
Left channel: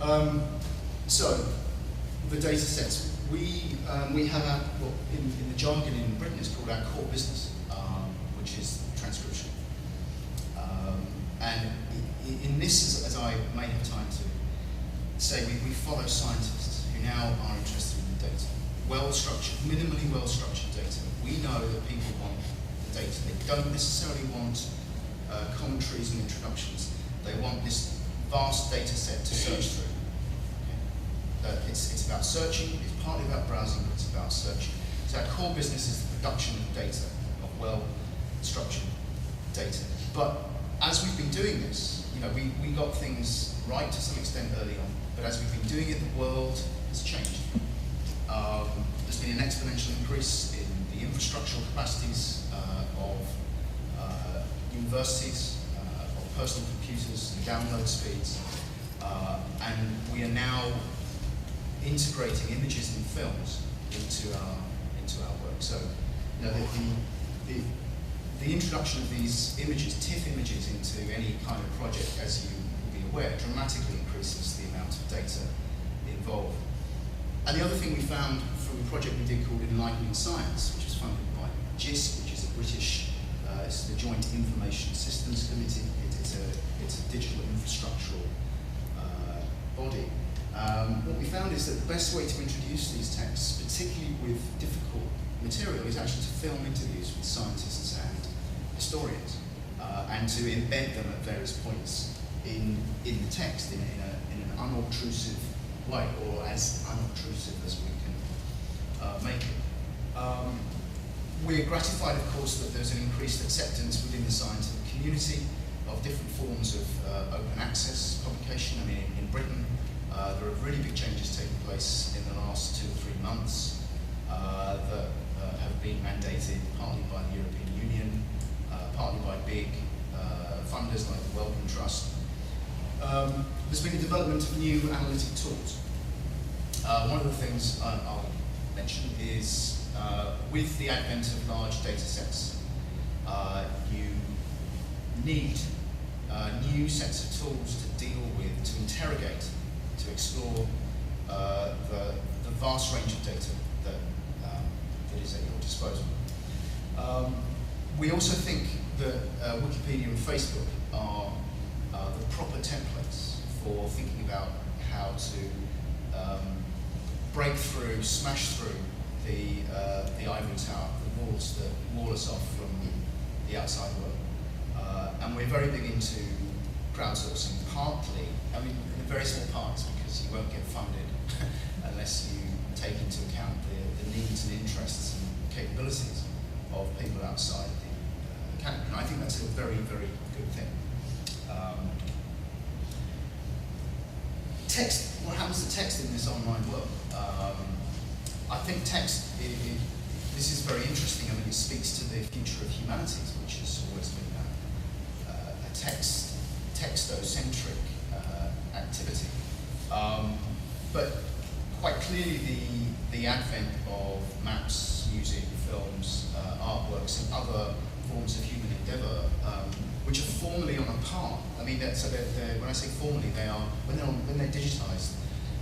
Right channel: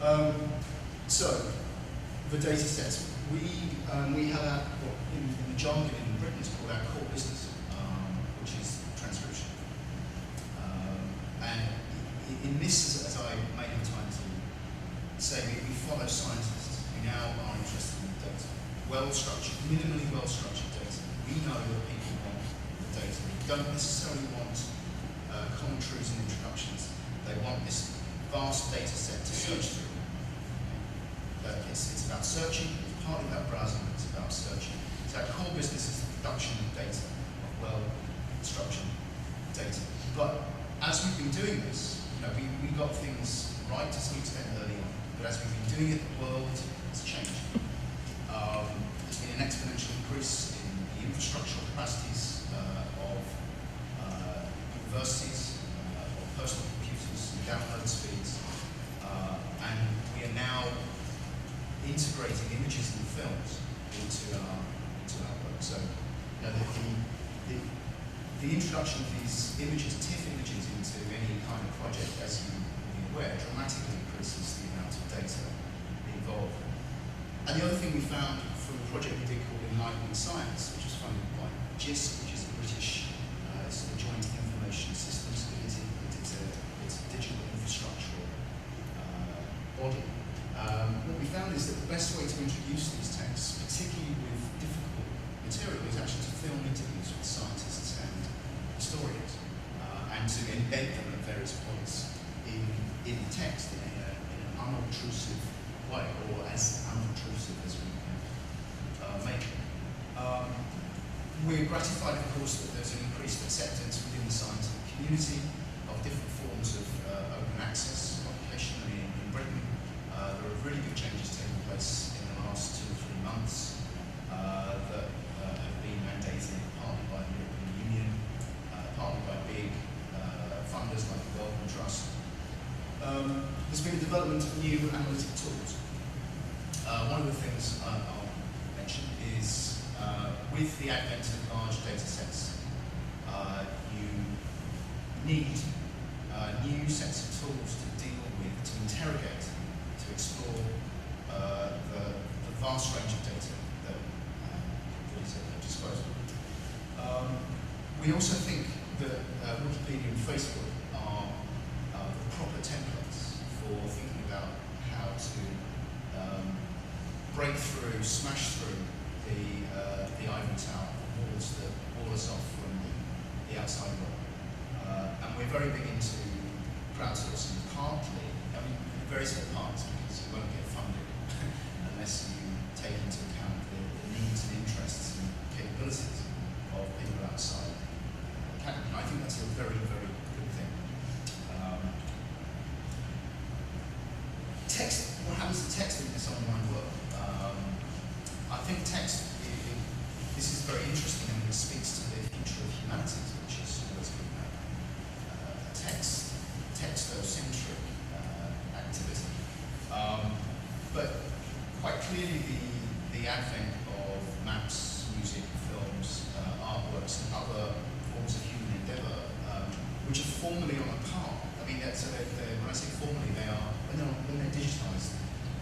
project. So, the data sets. We have our, well, in the jargon in Britain, it's called our core business, which is transcription. And in this, as I may have time to say, we follow scientists who now are interested in the data. Well-structured, minimally well-structured data. We know that people want the data. They don't necessarily want commentaries and introductions. They want this vast data set to search through. Okay. It's about searching, it's partly about browsing, but it's about searching. So our core business is the production of data, of well-structured data. But as we've been doing this, we got things right to some extent early on, but as we've been doing it, the world has changed. There's been an exponential increase in the infrastructural capacities of universities, of personal computers, the download speeds, and we are now integrating images and films into our work. So, the introduction of these images, TIFF images, into any kind of project, as you will be aware, dramatically increases the amount of data involved. And the other thing we found from a project we did called Enlightening Science, which was funded by GISC, which is a British, it's the Joint Information Systems Committee. It's a digital infrastructural body. What we found is that the best way to introduce these texts, particularly with difficult material, is actually to film interviews with scientists and historians, and to embed them at various points in the text in an unobtrusive way, or as unobtrusive as we can make it. We're gratified, of course, that there's an increased acceptance within the scientific community of different forms of open access publication. I mean, in Britain, there are really big changes taking place in the last 2 or 3 months that have been mandated partly by the European Union, partly by big funders like the Wellcome Trust. There's been a development of new analytic tools. One of the things I'll mention is with the advent of large data sets, you need new sets of tools to deal with, to interrogate, to explore the vast range of data that is at your disposal. We also think that Wikipedia and Facebook are the proper templates for thinking about how to break through, smash through the ivory tower, the walls that wall us off from the outside world. And we're very big into crowdsourcing, partly, I mean, in very small parts, because you won't get funded unless you take into account the needs and interests and capabilities of people outside category. And I think that's a very, very good thing. Text, what happens to text in this online world? I think text, this is very interesting. I mean, it speaks to the future of humanities, which has always been a textocentric activity. But quite clearly the advent of maps, music, films, artworks, and other forms of human endeavour, which are formally on a par. I mean, when I say formally, they are, when they're digitised,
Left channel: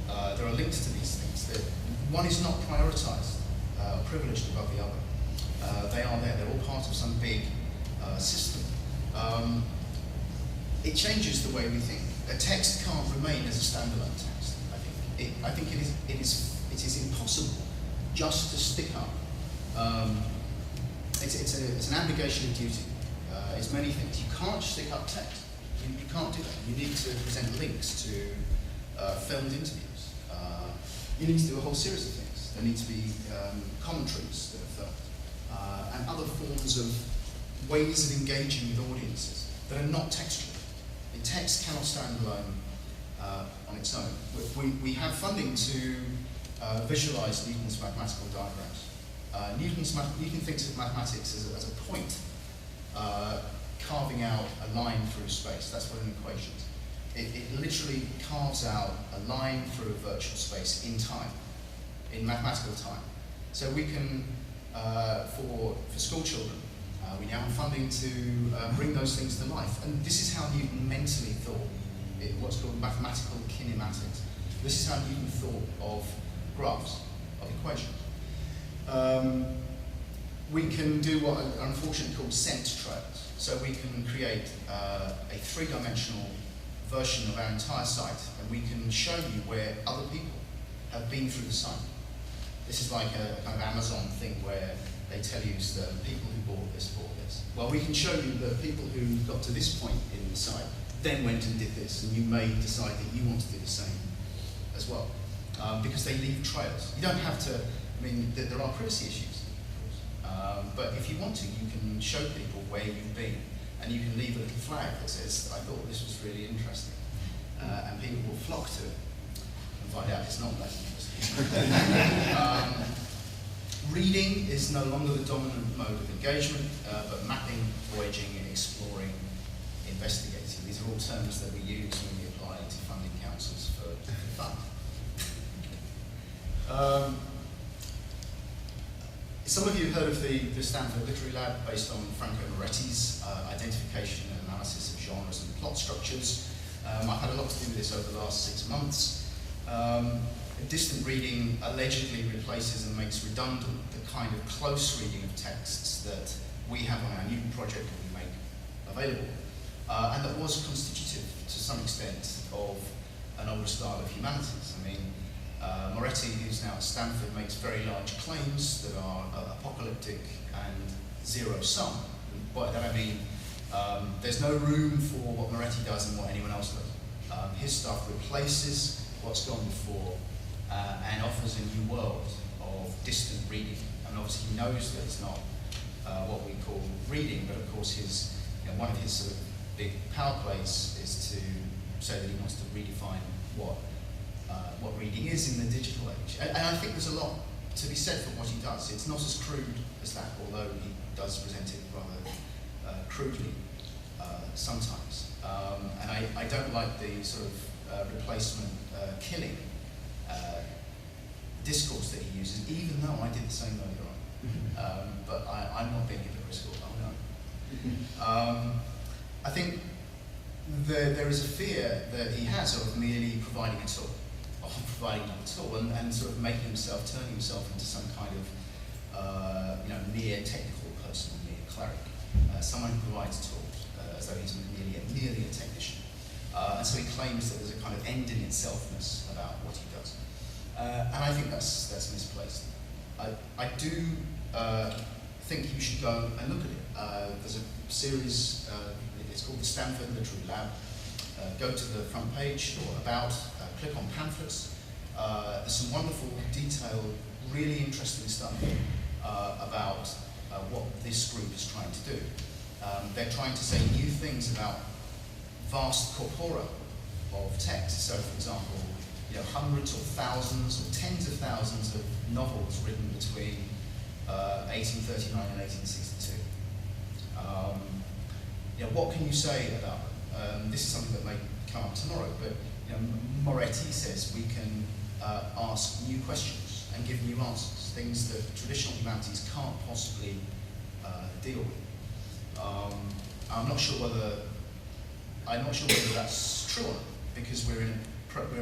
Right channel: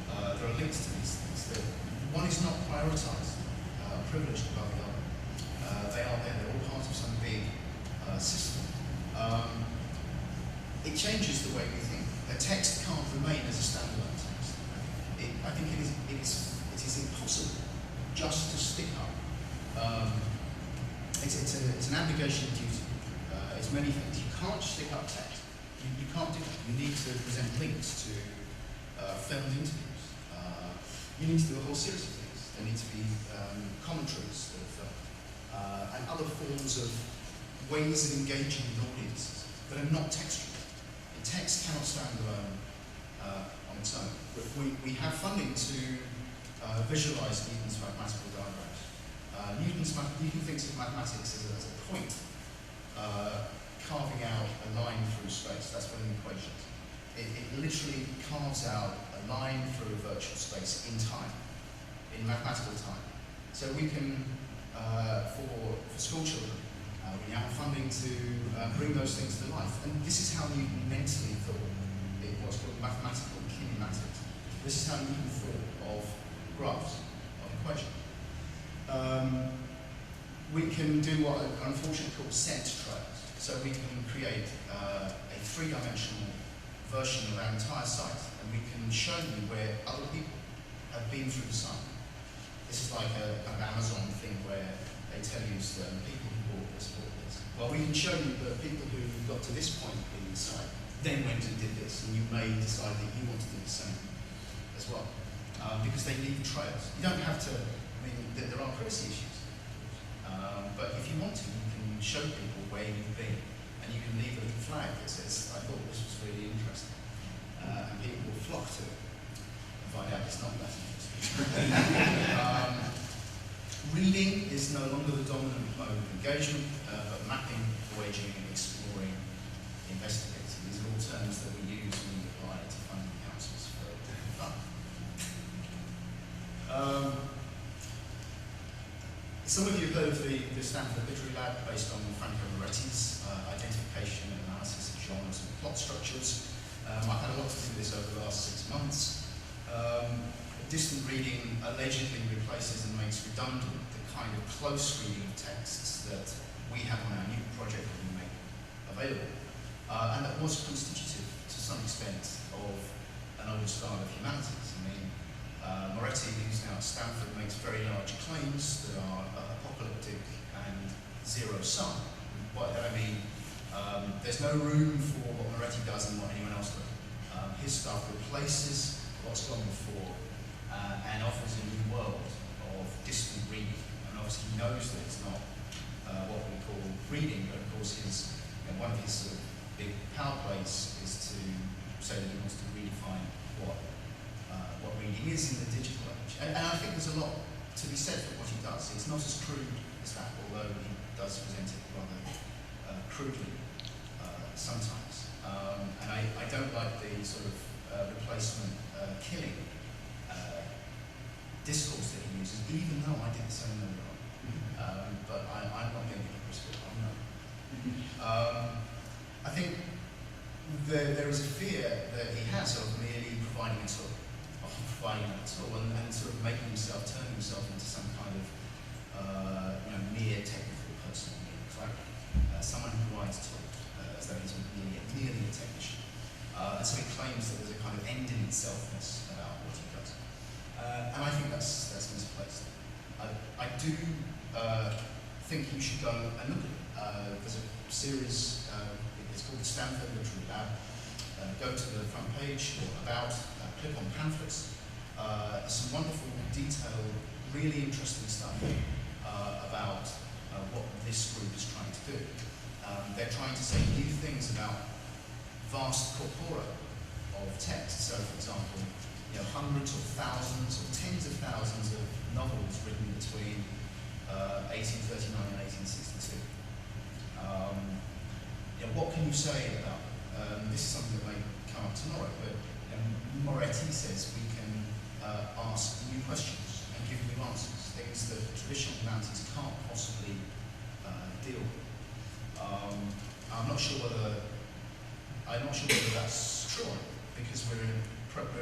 there are links to these things. One is not prioritised, privileged above the other. They are there, they're all part of some big system. It changes the way we think. A text can't remain as a standalone text. I think it is impossible just to stick up. It's an obligation of duty. It's many things. You can't just stick up text. You can't do that. You need to present links to filmed interviews. You need to do a whole series of things. There need to be commentaries that are filmed, and other forms of ways of engaging with audiences that are not textual. And text cannot stand alone on its own. We have funding to visualize Newton's mathematical diagrams. Newton thinks of mathematics as a point carving out a line through space. That's what an equation is. It literally carves out a line through a virtual space in time, in mathematical time. So we can, for school children, we now have funding to bring those things to life. And this is how Newton mentally thought, what's called mathematical kinematics. This is how Newton thought of graphs, of equations. We can do what are unfortunately called scent trails. So we can create a three-dimensional version of our entire site, and we can show you where other people have been through the site. This is like a kind of Amazon thing where they tell you certain people who bought this. Well, we can show you the people who got to this point in the site, then went and did this, and you may decide that you want to do the same as well, because they leave trails. You don't have to, I mean, there are privacy issues, but if you want to, you can show people where you've been, and you can leave a little flag that says, I thought this was really interesting, and people will flock to it and find out it's not that interesting. Reading is no longer the dominant mode of engagement, but mapping, voyaging, exploring, investigating. These are all terms that we use when we apply to funding councils for fun. Some of you have heard of the Stanford Literary Lab, based on Franco Moretti's identification and analysis of genres and plot structures. I've had a lot to do with this over the last 6 months. Distant reading allegedly replaces and makes redundant the kind of close reading of texts that we have on our Newton project that we make available. And that was constitutive to some extent of an older style of humanities. I mean, Moretti, who's now at Stanford, makes very large claims that are apocalyptic and zero-sum. By that I mean, there's no room for what Moretti does and what anyone else does. His stuff replaces what's gone before and offers a new world of distant reading. And obviously he knows that it's not what we call reading, but of course one of his sort of big power plays is to say that he wants to redefine what reading is in the digital age. And I think there's a lot to be said for what he does. It's not as crude as that, although he does present it rather crudely sometimes. And I don't like the sort of replacement killing discourse that he uses, even though I did the same earlier on. But I'm not being hypocritical, oh no. I think there is a fear that he has of merely providing a tool, and sort of making himself, turning himself into some kind of mere technical person, mere cleric, someone who provides tools, as though he's merely a technician. And so he claims that there's a kind of end in itselfness about what he does. And I think that's misplaced. I do think you should go and look at it. There's a series, it's called the Stanford Literary Lab. Go to the front page or about, click on pamphlets. There's some wonderful, detailed, really interesting stuff about what this group is trying to do. They're trying to say new things about vast corpora of text. So, for example, hundreds or thousands or tens of thousands of novels written between 1839 and 1862. What can you say about them? This is something that may come up tomorrow, but Moretti says we can ask new questions and give new answers, things that traditional humanities can't possibly deal with. I'm not sure whether that's true or not, because we're in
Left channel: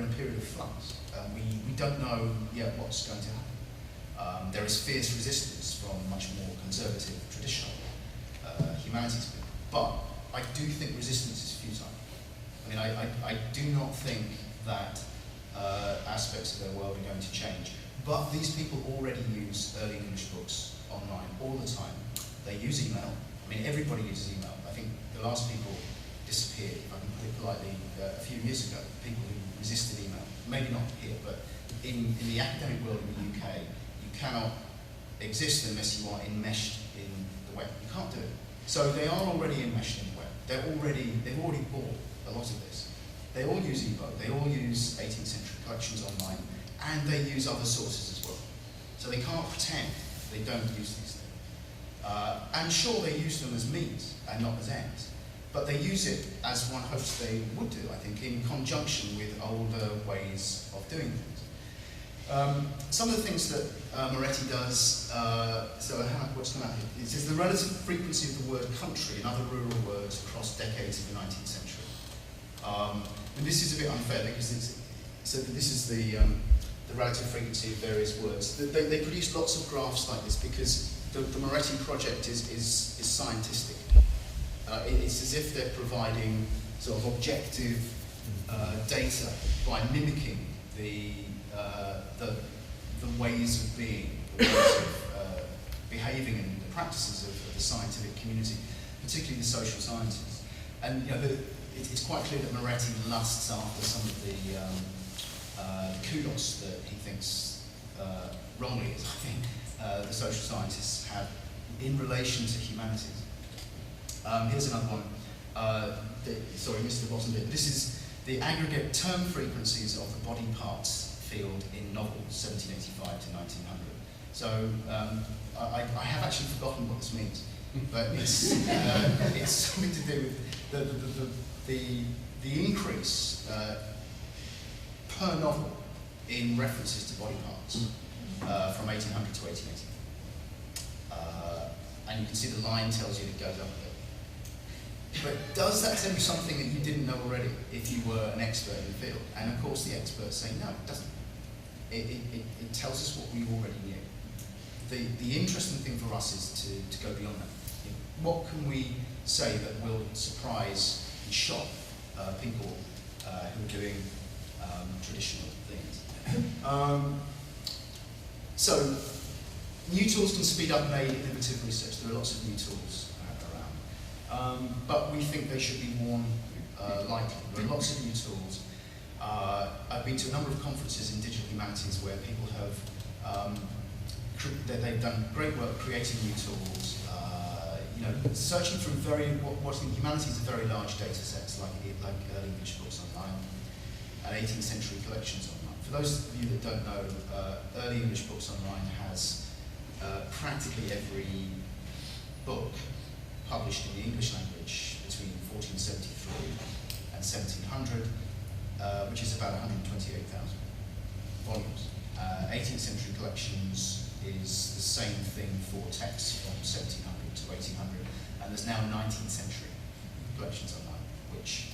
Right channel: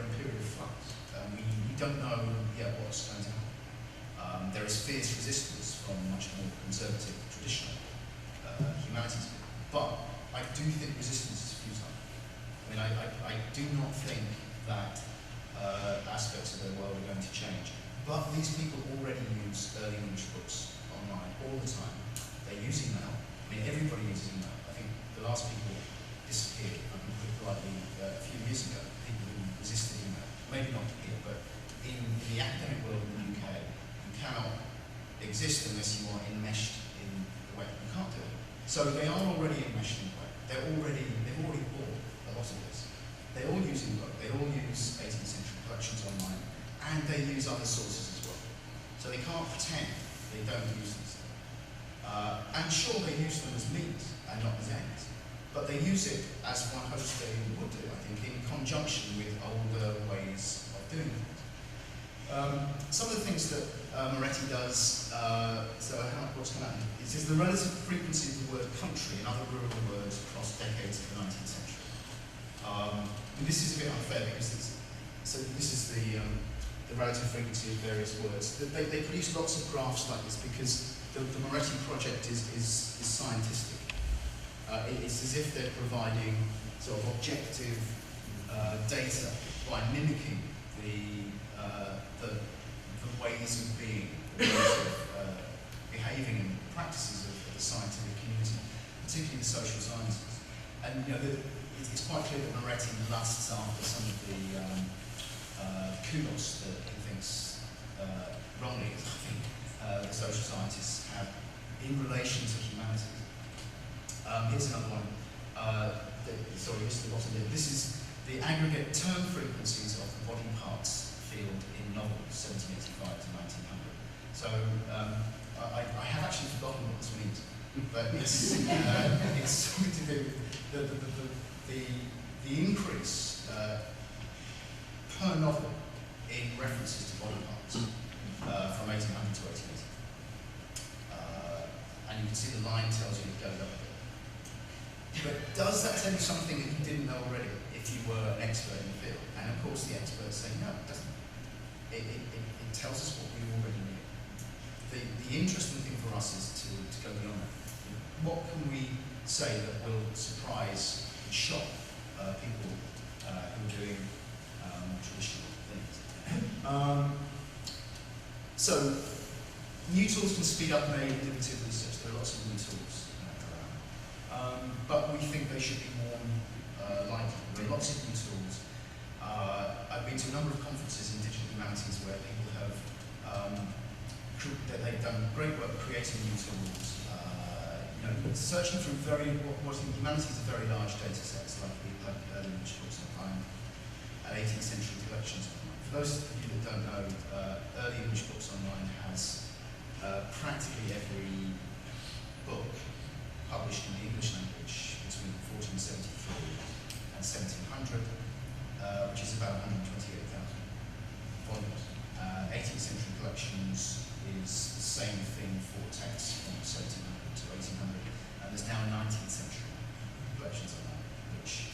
a period of flux. We don't know yet what's going to happen. There is fierce resistance from much more conservative, traditional humanities people. But I do think resistance is futile. I mean, I do not think that aspects of their world are going to change. But these people already use early English books online all the time. They use email. I mean, everybody uses email. I think the last people disappeared, if I can put it politely, a few years ago, people who resisted email. Maybe not here, but in the academic world in the UK, you cannot exist unless you are enmeshed in the web. You can't do it. So they are already enmeshed in the web. They've already bought a lot of this. They all use ebook. They all use 18th century collections online, and they use other sources as well. So they can't pretend they don't use these things. And sure, they use them as means and not as ends. But they use it, as one hopes they would do, I think, in conjunction with older ways of doing things. Some of the things that Moretti does, what's come out here? It says the relative frequency of the word country and other rural words across decades of the 19th century. And this is a bit unfair because this is the relative frequency of various words. They produce lots of graphs like this because the Moretti project is scientific. It's as if they're providing sort of objective data by mimicking the ways of being, the ways of behaving and the practices of the scientific community, particularly the social sciences. And it's quite clear that Moretti lusts after some of the kudos that he thinks, wrongly, I think, the social scientists have in relation to humanities. Here's another one. Sorry, this is the bottom bit. This is the aggregate term frequencies of the body parts field in novels, 1785 to 1900. So I have actually forgotten what this means, but it's something to do with the increase per novel in references to body parts from 1800 to 1880. And you can see the line tells you it goes up a bit. But does that tell you something that you didn't know already if you were an expert in the field? And of course the experts say no, it doesn't. It tells us what we already knew. The interesting thing for us is to go beyond that. What can we say that will surprise and shock people who are doing traditional things? So new tools can speed up May innovative research. There are lots of new tools around. But we think they should be more likely. There are lots of new tools. I've been to a number of conferences in digital humanities where people have they've done great work creating new tools, searching through what in humanities are very large data sets like early English books online and 18th century collections online. For those of you that don't know, early English books online has practically every book published in the English language between 1473 and 1700, which is about 128,000 volumes. 18th century collections is the same thing for texts from 1700 to 1800, and there's now 19th century collections online, which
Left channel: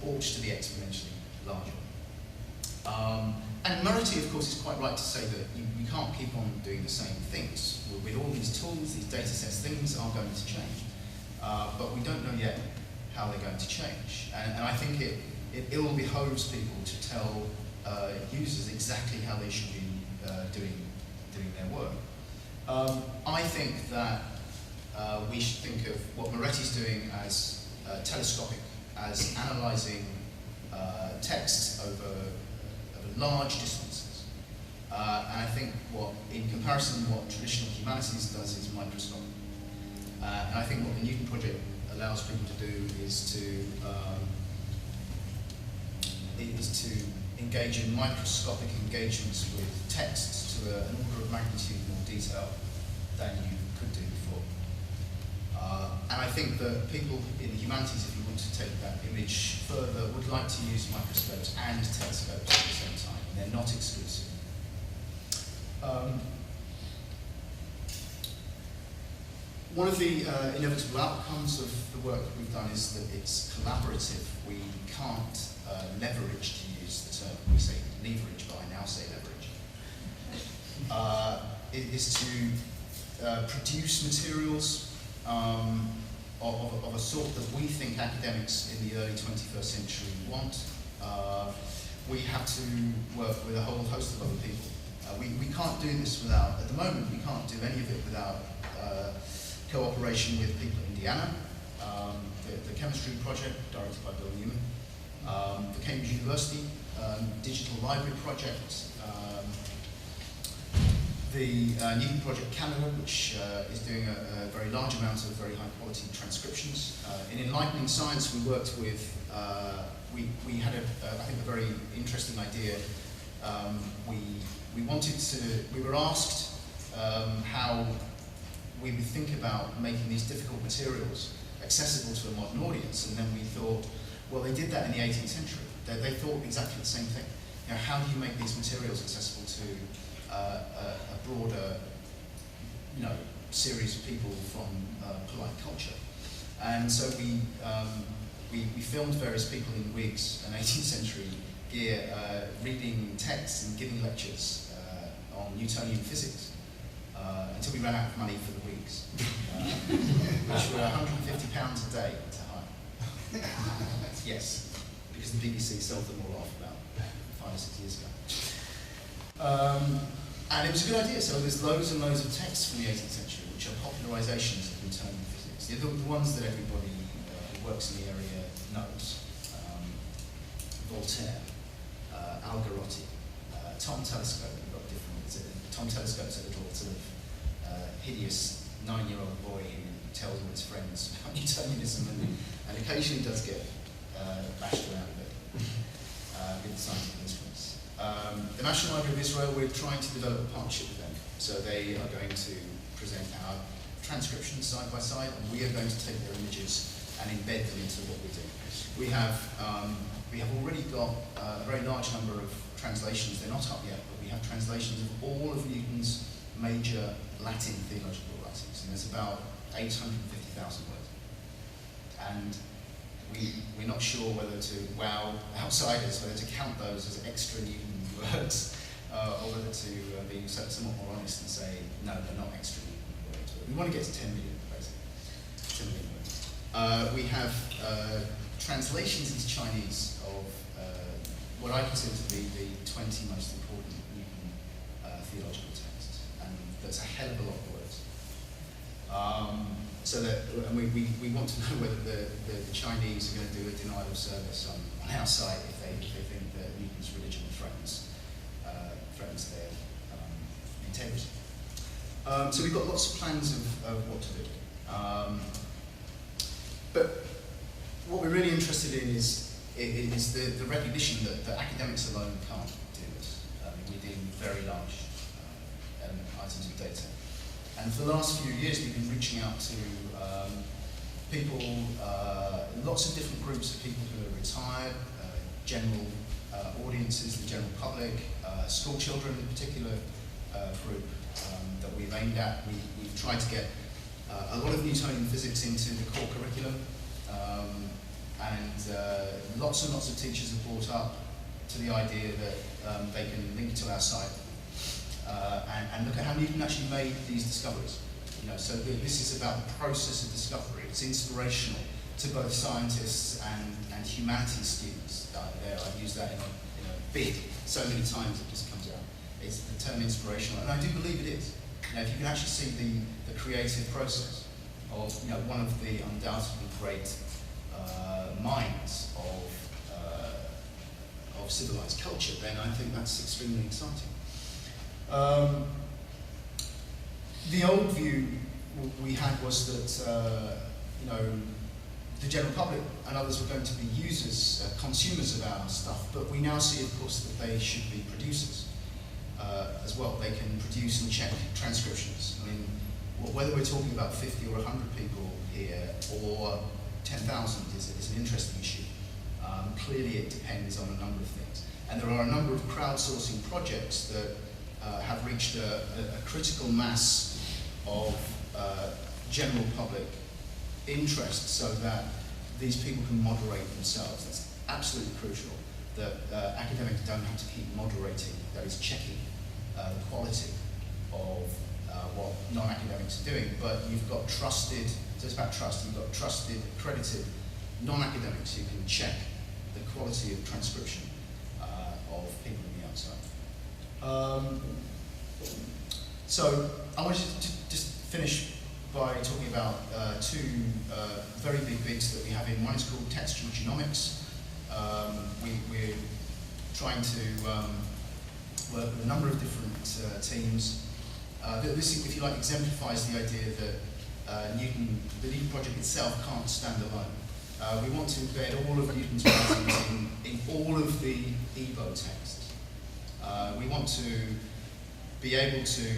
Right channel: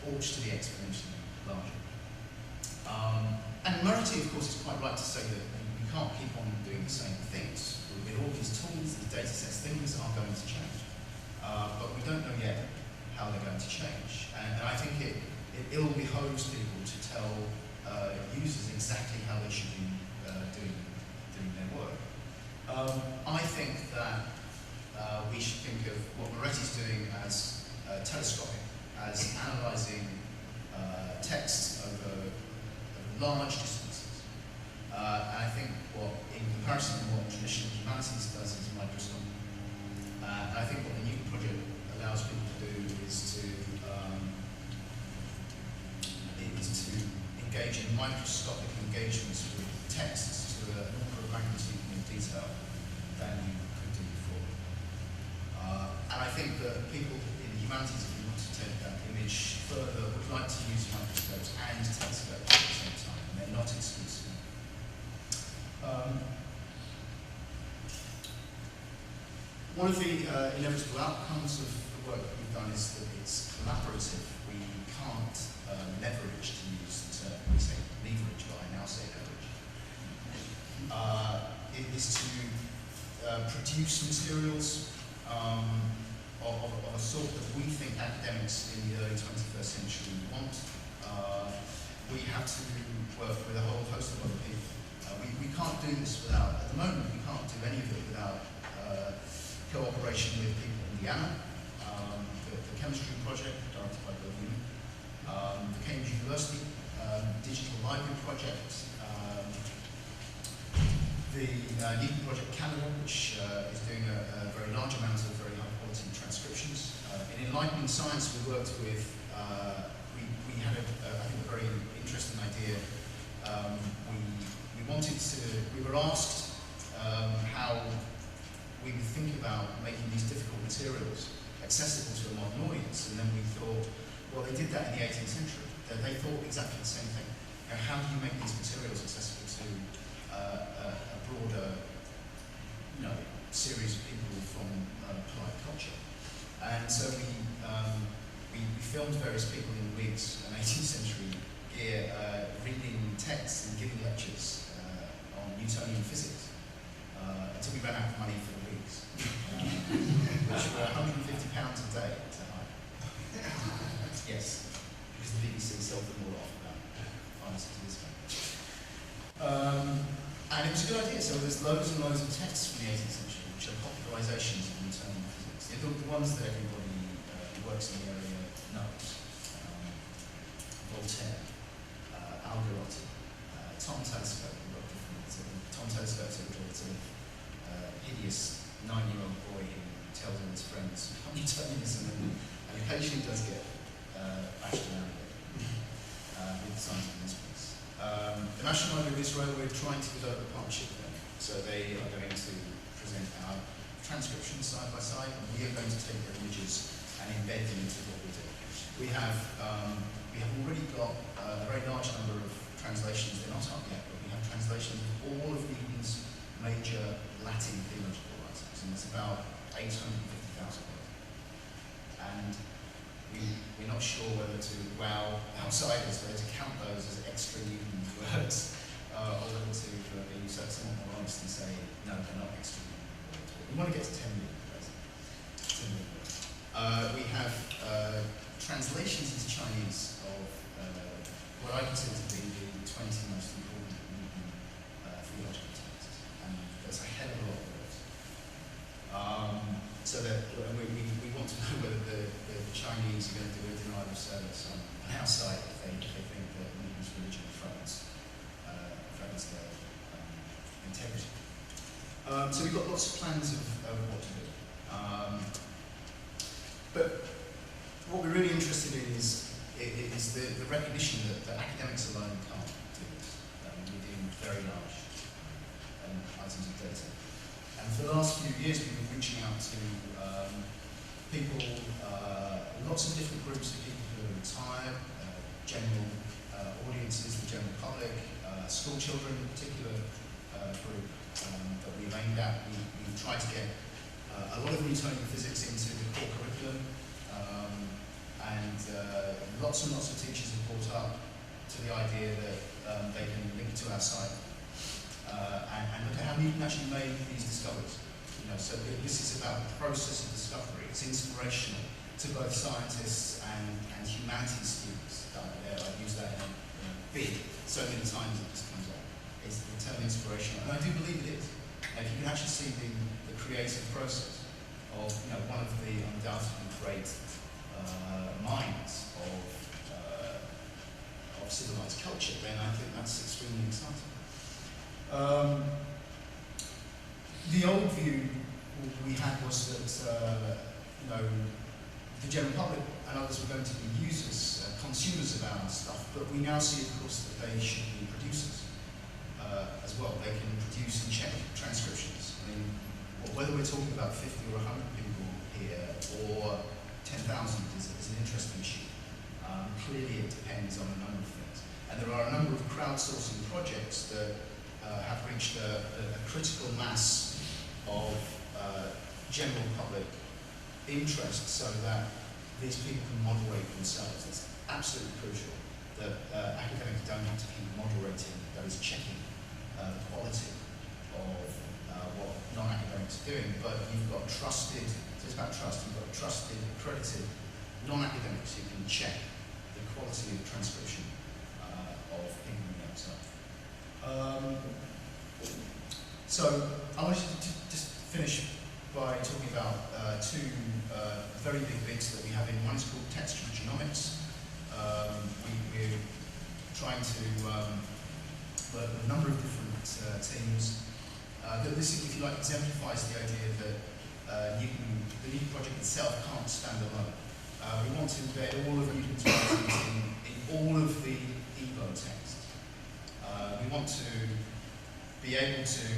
ought to be exponentially larger. And Moretti, of course, is quite right to say that you can't keep on doing the same things. With all these tools, these data sets, things are going to change. But we don't know yet how they're going to change. And I think it ill behoves people to tell users exactly how they should be doing their work. I think that we should think of what Moretti's doing as telescopic, as analysing text over large distances. And I think in comparison, what traditional humanities does is microscopic. And I think what the Newton Project allows people to do is to engage in microscopic engagements with texts to an order of magnitude more detail than you could do before. And I think that people in the humanities, if you want to take that image further, would like to use microscopes and telescopes at the same time, and they're not exclusive. One of the inevitable outcomes of the work that we've done is that it's collaborative. We can't leverage, to use the term. We say leverage, but I now say leverage. It is to produce materials of a sort that we think academics in the early 21st century want. We have to work with a whole host of other people. We can't do this without, at the moment, we can't do any of it without cooperation with people in Indiana, the chemistry project directed by Bill Newman, the Cambridge University Digital Library Project, the Newton Project Canada, which is doing a very large amount of very high quality transcriptions. In Enlightening Science, we worked with, we had I think a very interesting idea. We were asked how we would think about making these difficult materials accessible to a modern audience, and then we thought, well, they did that in the 18th century. They thought exactly the same thing. You know, how do you make these materials accessible to a broader, series of people from polite culture? And so we filmed various people in wigs and 18th century gear reading texts and giving lectures on Newtonian physics until we ran out of money for the wigs, which were £150 a day to hire. Yes, because the BBC sold them all off about 5 or 6 years ago. And it was a good idea. So there's loads and loads of texts from the 18th century, which are popularizations of Newtonian physics. They're the ones that everybody who works in the area knows. Voltaire, Algarotti, Tom Telescope, a lot different. Tom Telescope's a little sort of hideous 9-year-old boy who tells all his friends about Newtonianism and occasionally does get bashed around a bit with scientific instruments. The National Library of Israel, we're trying to develop a partnership with them. So they are going to present our transcriptions side by side, and we are going to take their images and embed them into what we do. We have already got a very large number of translations. They're not up yet, but we have translations of all of Newton's major Latin theological writings, and there's about 850,000 words. And we're not sure whether to wow outsiders, whether to count those as extra Newton words, or whether to be somewhat more honest and say, no, they're not extra Newton words. We want to get to 10 million, basically. 10 million words. We have translations into Chinese of what I consider to be the 20 most important Newton theological texts, and there's a hell of a lot of words. So that, and we want to know whether the Chinese are going to do a denial of service on our side if they think that Newton's religion threatens their integrity. So we've got lots of plans of what to do. But what we're really interested in is the recognition that academics alone can't do this. We need very large items of data. And for the last few years, we've been reaching out to people, lots of different groups of people who are retired, general audiences, the general public, school children in particular group that we've aimed at. We've tried to get a lot of Newtonian physics into the core curriculum, and lots and lots of teachers have brought up to the idea that they can link to our site and look at how Newton actually made these discoveries. So this is about the process of discovery. It's inspirational to both scientists and humanities students. I've used that in a big so many times it just comes out. It's the term inspirational, and I do believe it is. If you can actually see the creative process of one of the undoubtedly great minds of civilized culture, then I think that's extremely exciting. The old view we had was that you know, the general public and others were going to be users, consumers of our stuff, but we now see, of course, that they should be producers as well. They can produce and check transcriptions. I mean, whether we're talking about 50 or 100 people here or 10,000 is an interesting issue. Clearly it depends on a number of things. And there are a number of crowdsourcing projects that have reached a critical mass of general public interest so that these people can moderate themselves. It's absolutely crucial that academics don't have to keep moderating, that is checking the quality of what non-academics are doing, but you've got trusted, so it's about trust, you've got trusted, accredited non-academics who can check the quality of transcription of people on the outside. So I wanted to just finish by talking about two very big bits that we have in. One is called textual genomics. We're trying to work with a number of different teams. This, if you like, exemplifies the idea that the Newton project itself can't stand alone. We want to embed all of Newton's writings in all of the EBO texts. We want to be able to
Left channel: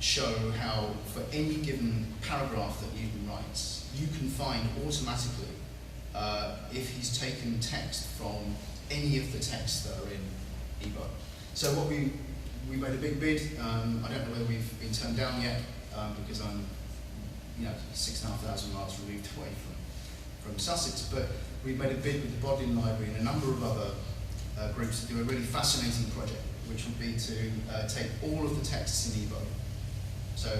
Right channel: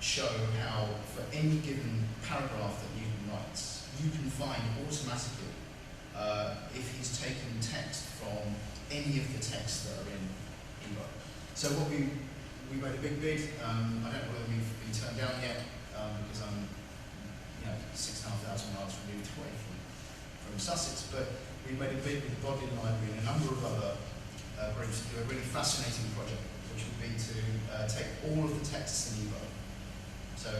show how, for any given paragraph that Newton writes, you can find automatically if he's taken text from any of the texts that are in EBO. So what we made a big bid. I don't know whether we've been turned down yet because I'm, 6,500 miles removed away from Sussex. But we made a bid with the Bodleian Library and a number of other groups to do a really fascinating project, which would be to take all of the texts in EBO, so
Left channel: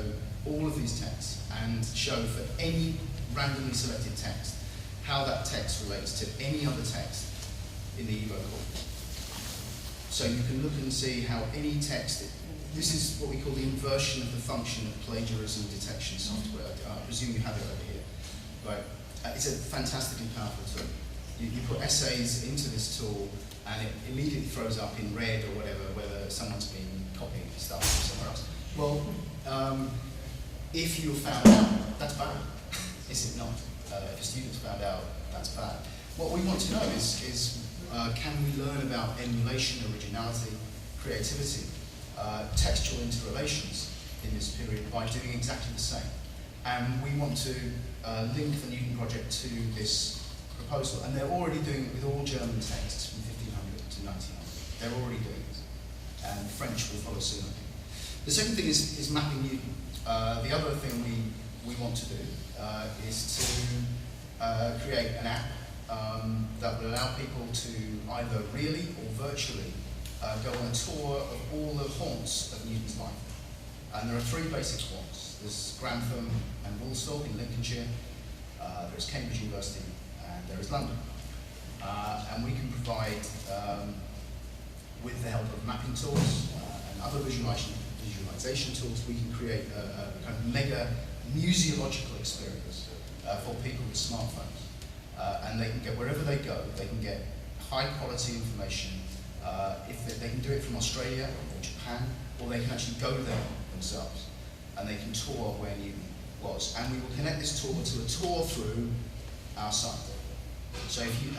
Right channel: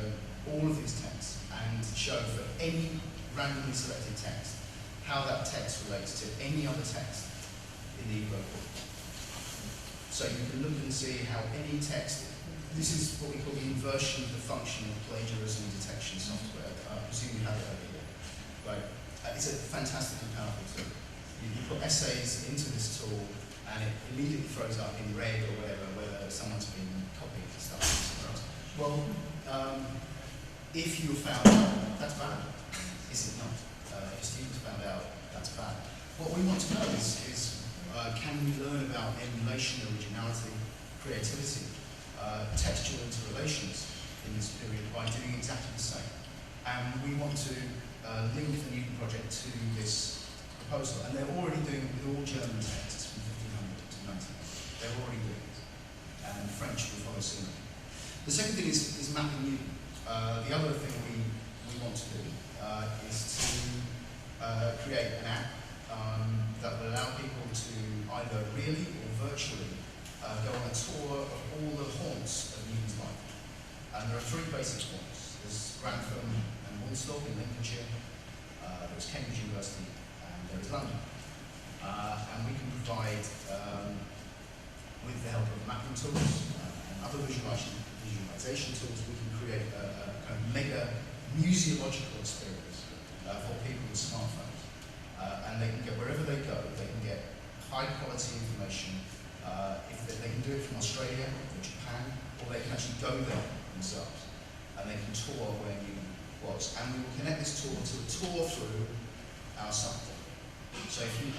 all of these texts, and show for any randomly selected text how that text relates to any other text in the EBO corpus. So you can look and see how any text, this is what we call the inversion of the function of plagiarism detection software. I presume you have it over here. Right. It's a fantastically powerful tool. You put essays into this tool and it immediately throws up in red or whatever whether someone's been copying stuff from somewhere else. Well, if you found out, that's bad. Is it not? If a student's found out, that's bad. What we want to know is can we learn about emulation, originality, creativity, textual interrelations in this period by doing exactly the same. And we want to link the Newton project to this proposal. And they're already doing it with all German texts from 1500 to 1900. They're already doing it. And French will follow soon. The second thing is mapping Newton. The other thing we want to do is to create an app that will allow people to either really or virtually go on a tour of all the haunts of Newton's life. And there are three basic haunts. There's Grantham and Woolsthorpe in Lincolnshire, there's Cambridge University, and there is London. And we can provide, with the help of mapping tools and other visualization tools, we can create a kind of mega museological experience for people with smartphones. And they can get, wherever they go, they can get high quality information. If they can do it from Australia or Japan, or they can actually go there themselves, and they can tour where Newton was. And we will connect this tour to a tour through our site. So if you,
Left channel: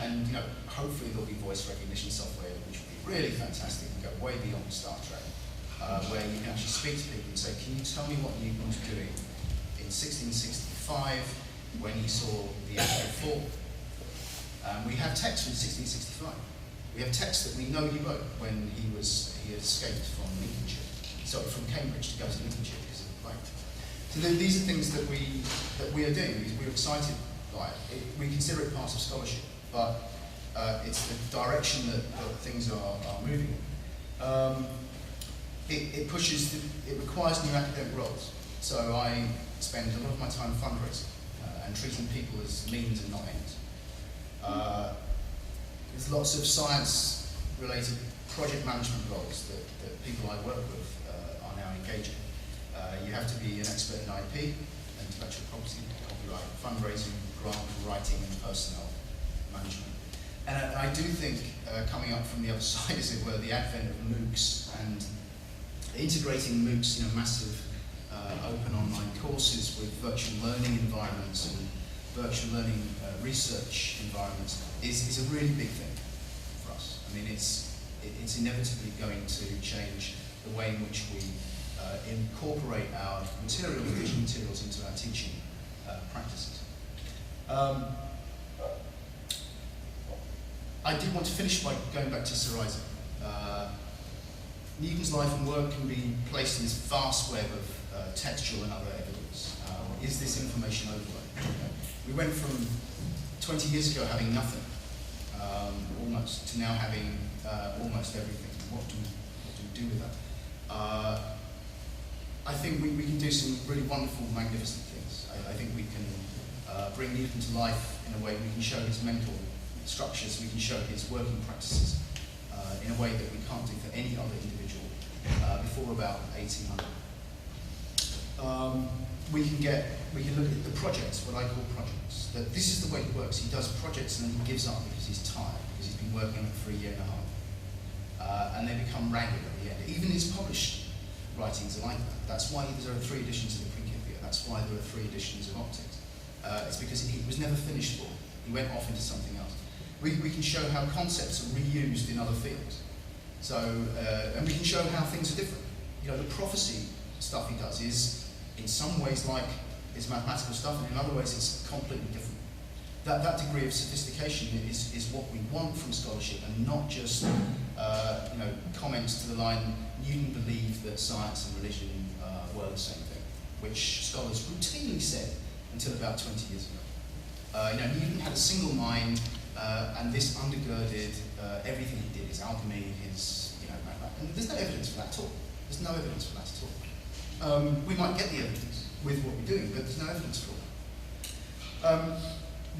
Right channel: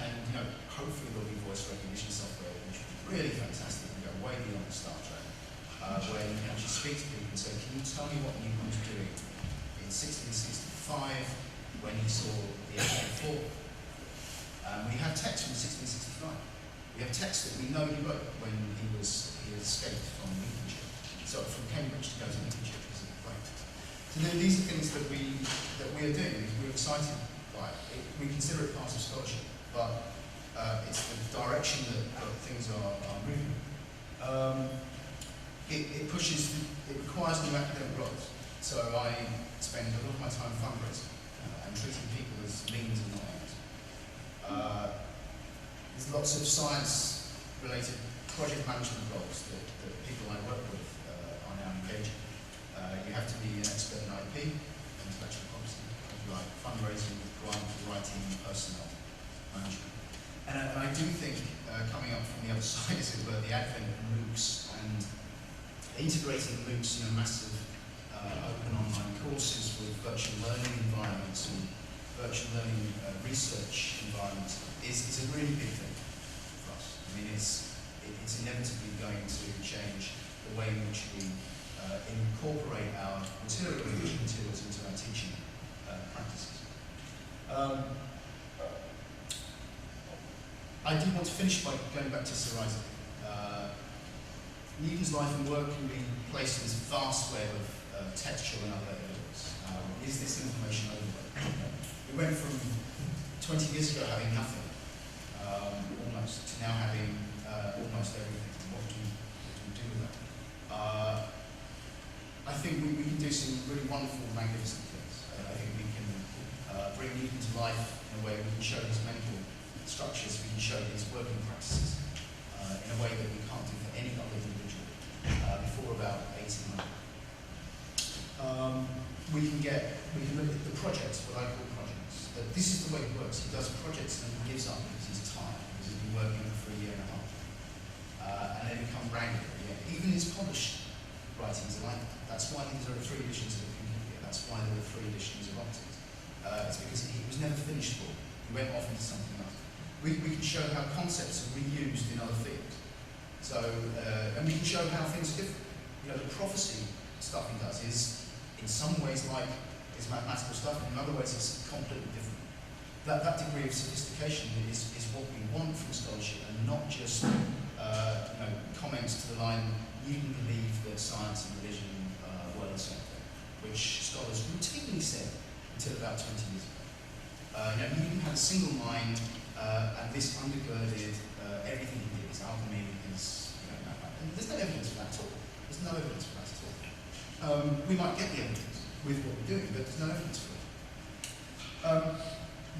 hopefully there'll be voice recognition software, which would be really fantastic and go way beyond Star Trek, where you can actually speak to people and say, can you tell me what Newton was doing in 1665 when he saw the actual fall? We have text from 1665. We have text that we know he wrote when he escaped from Lincolnshire. So from Cambridge to go to Lincolnshire is a right. So these are things that we are doing. We're excited by it. We consider it part of scholarship, but it's the direction that things are moving. It requires new academic roles. So I spend a lot of my time fundraising and treating people as means and not ends. There's lots of science-related project management roles that people I work with are now engaging. You have to be an expert in IP, intellectual property, copyright, fundraising, grant writing, and personnel management. And I do think, coming up from the other side, as it were, the advent of MOOCs and integrating MOOCs in a massive open online courses with virtual learning environments and virtual learning research environments is a really big thing for us. I mean, it's inevitably going to change the way in which we incorporate our visual materials into our teaching practices. I did want to finish by going back to Sir Isaac. Newton's life and work can be placed in this vast web of textual and other evidence. Is this information overload? We went from 20 years ago having nothing, almost, to now having almost everything. What do we do with that? I think we can do some really wonderful, magnificent things. I think we can bring Newton to life in a way. We can show his mental structures, we can show his working practices in a way that we can't do for any other individual before about 1800. We can look at the projects, what I call projects. That this is the way he works. He does projects and then he gives up because he's tired, because he's been working on it for a year and a half. And they become ragged at the end. Even his published writings are like that. That's why there are 3 editions of the Principia. That's why there are 3 editions of Optics. It's because he was never finished for. He went off into something else. We can show how concepts are reused in other fields. So, and we can show how things are different. You know, the prophecy stuff he does is, in some ways, like his mathematical stuff, and in other ways, it's completely different. That degree of sophistication is what we want from scholarship, and not just comments to the line, Newton believed that science and religion were the same thing, which scholars routinely said until about 20 years ago. Newton had a single mind, and this undergirded everything he did, his alchemy, his mathematics. And there's no evidence for that at all. There's no evidence for that at all. We might get the evidence with what we're doing, but there's no evidence for it.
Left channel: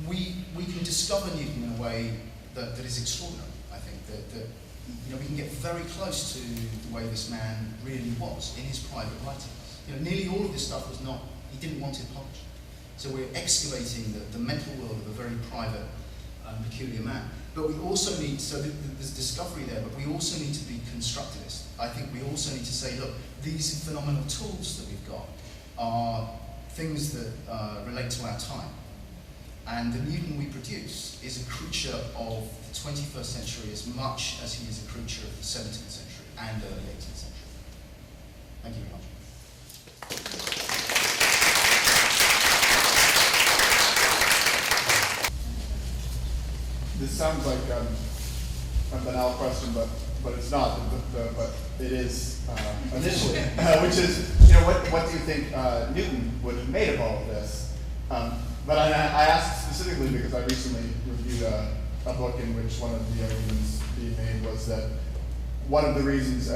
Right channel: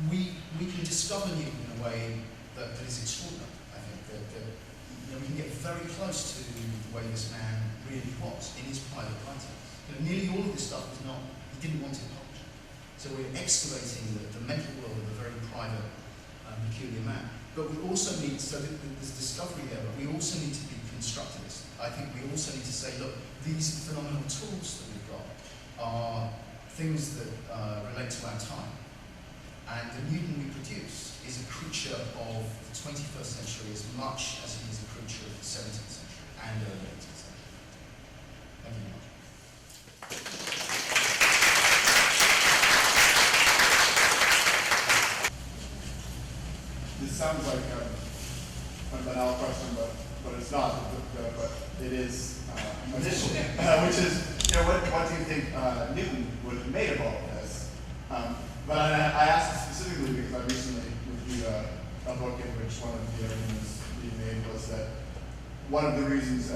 We can discover Newton in a way that is extraordinary. I think that we can get very close to the way this man really was in his private writings. Nearly all of this stuff was not, he didn't want it published. So we're excavating the mental world of a very private, peculiar man. But we also need, so there's discovery there, but we also need to be constructivist. I think we also need to say, look, these phenomenal tools that we've got are things that relate to our time. And the Newton we produce is a creature of the 21st century as much as he is a creature of the 17th century and early 18th century. Thank you very much. This sounds like a banal question, but it's not. But it is initially, which is, what do you think Newton would have made of all of this? But I asked specifically because I recently reviewed a book in which one of the arguments being made was that one of the reasons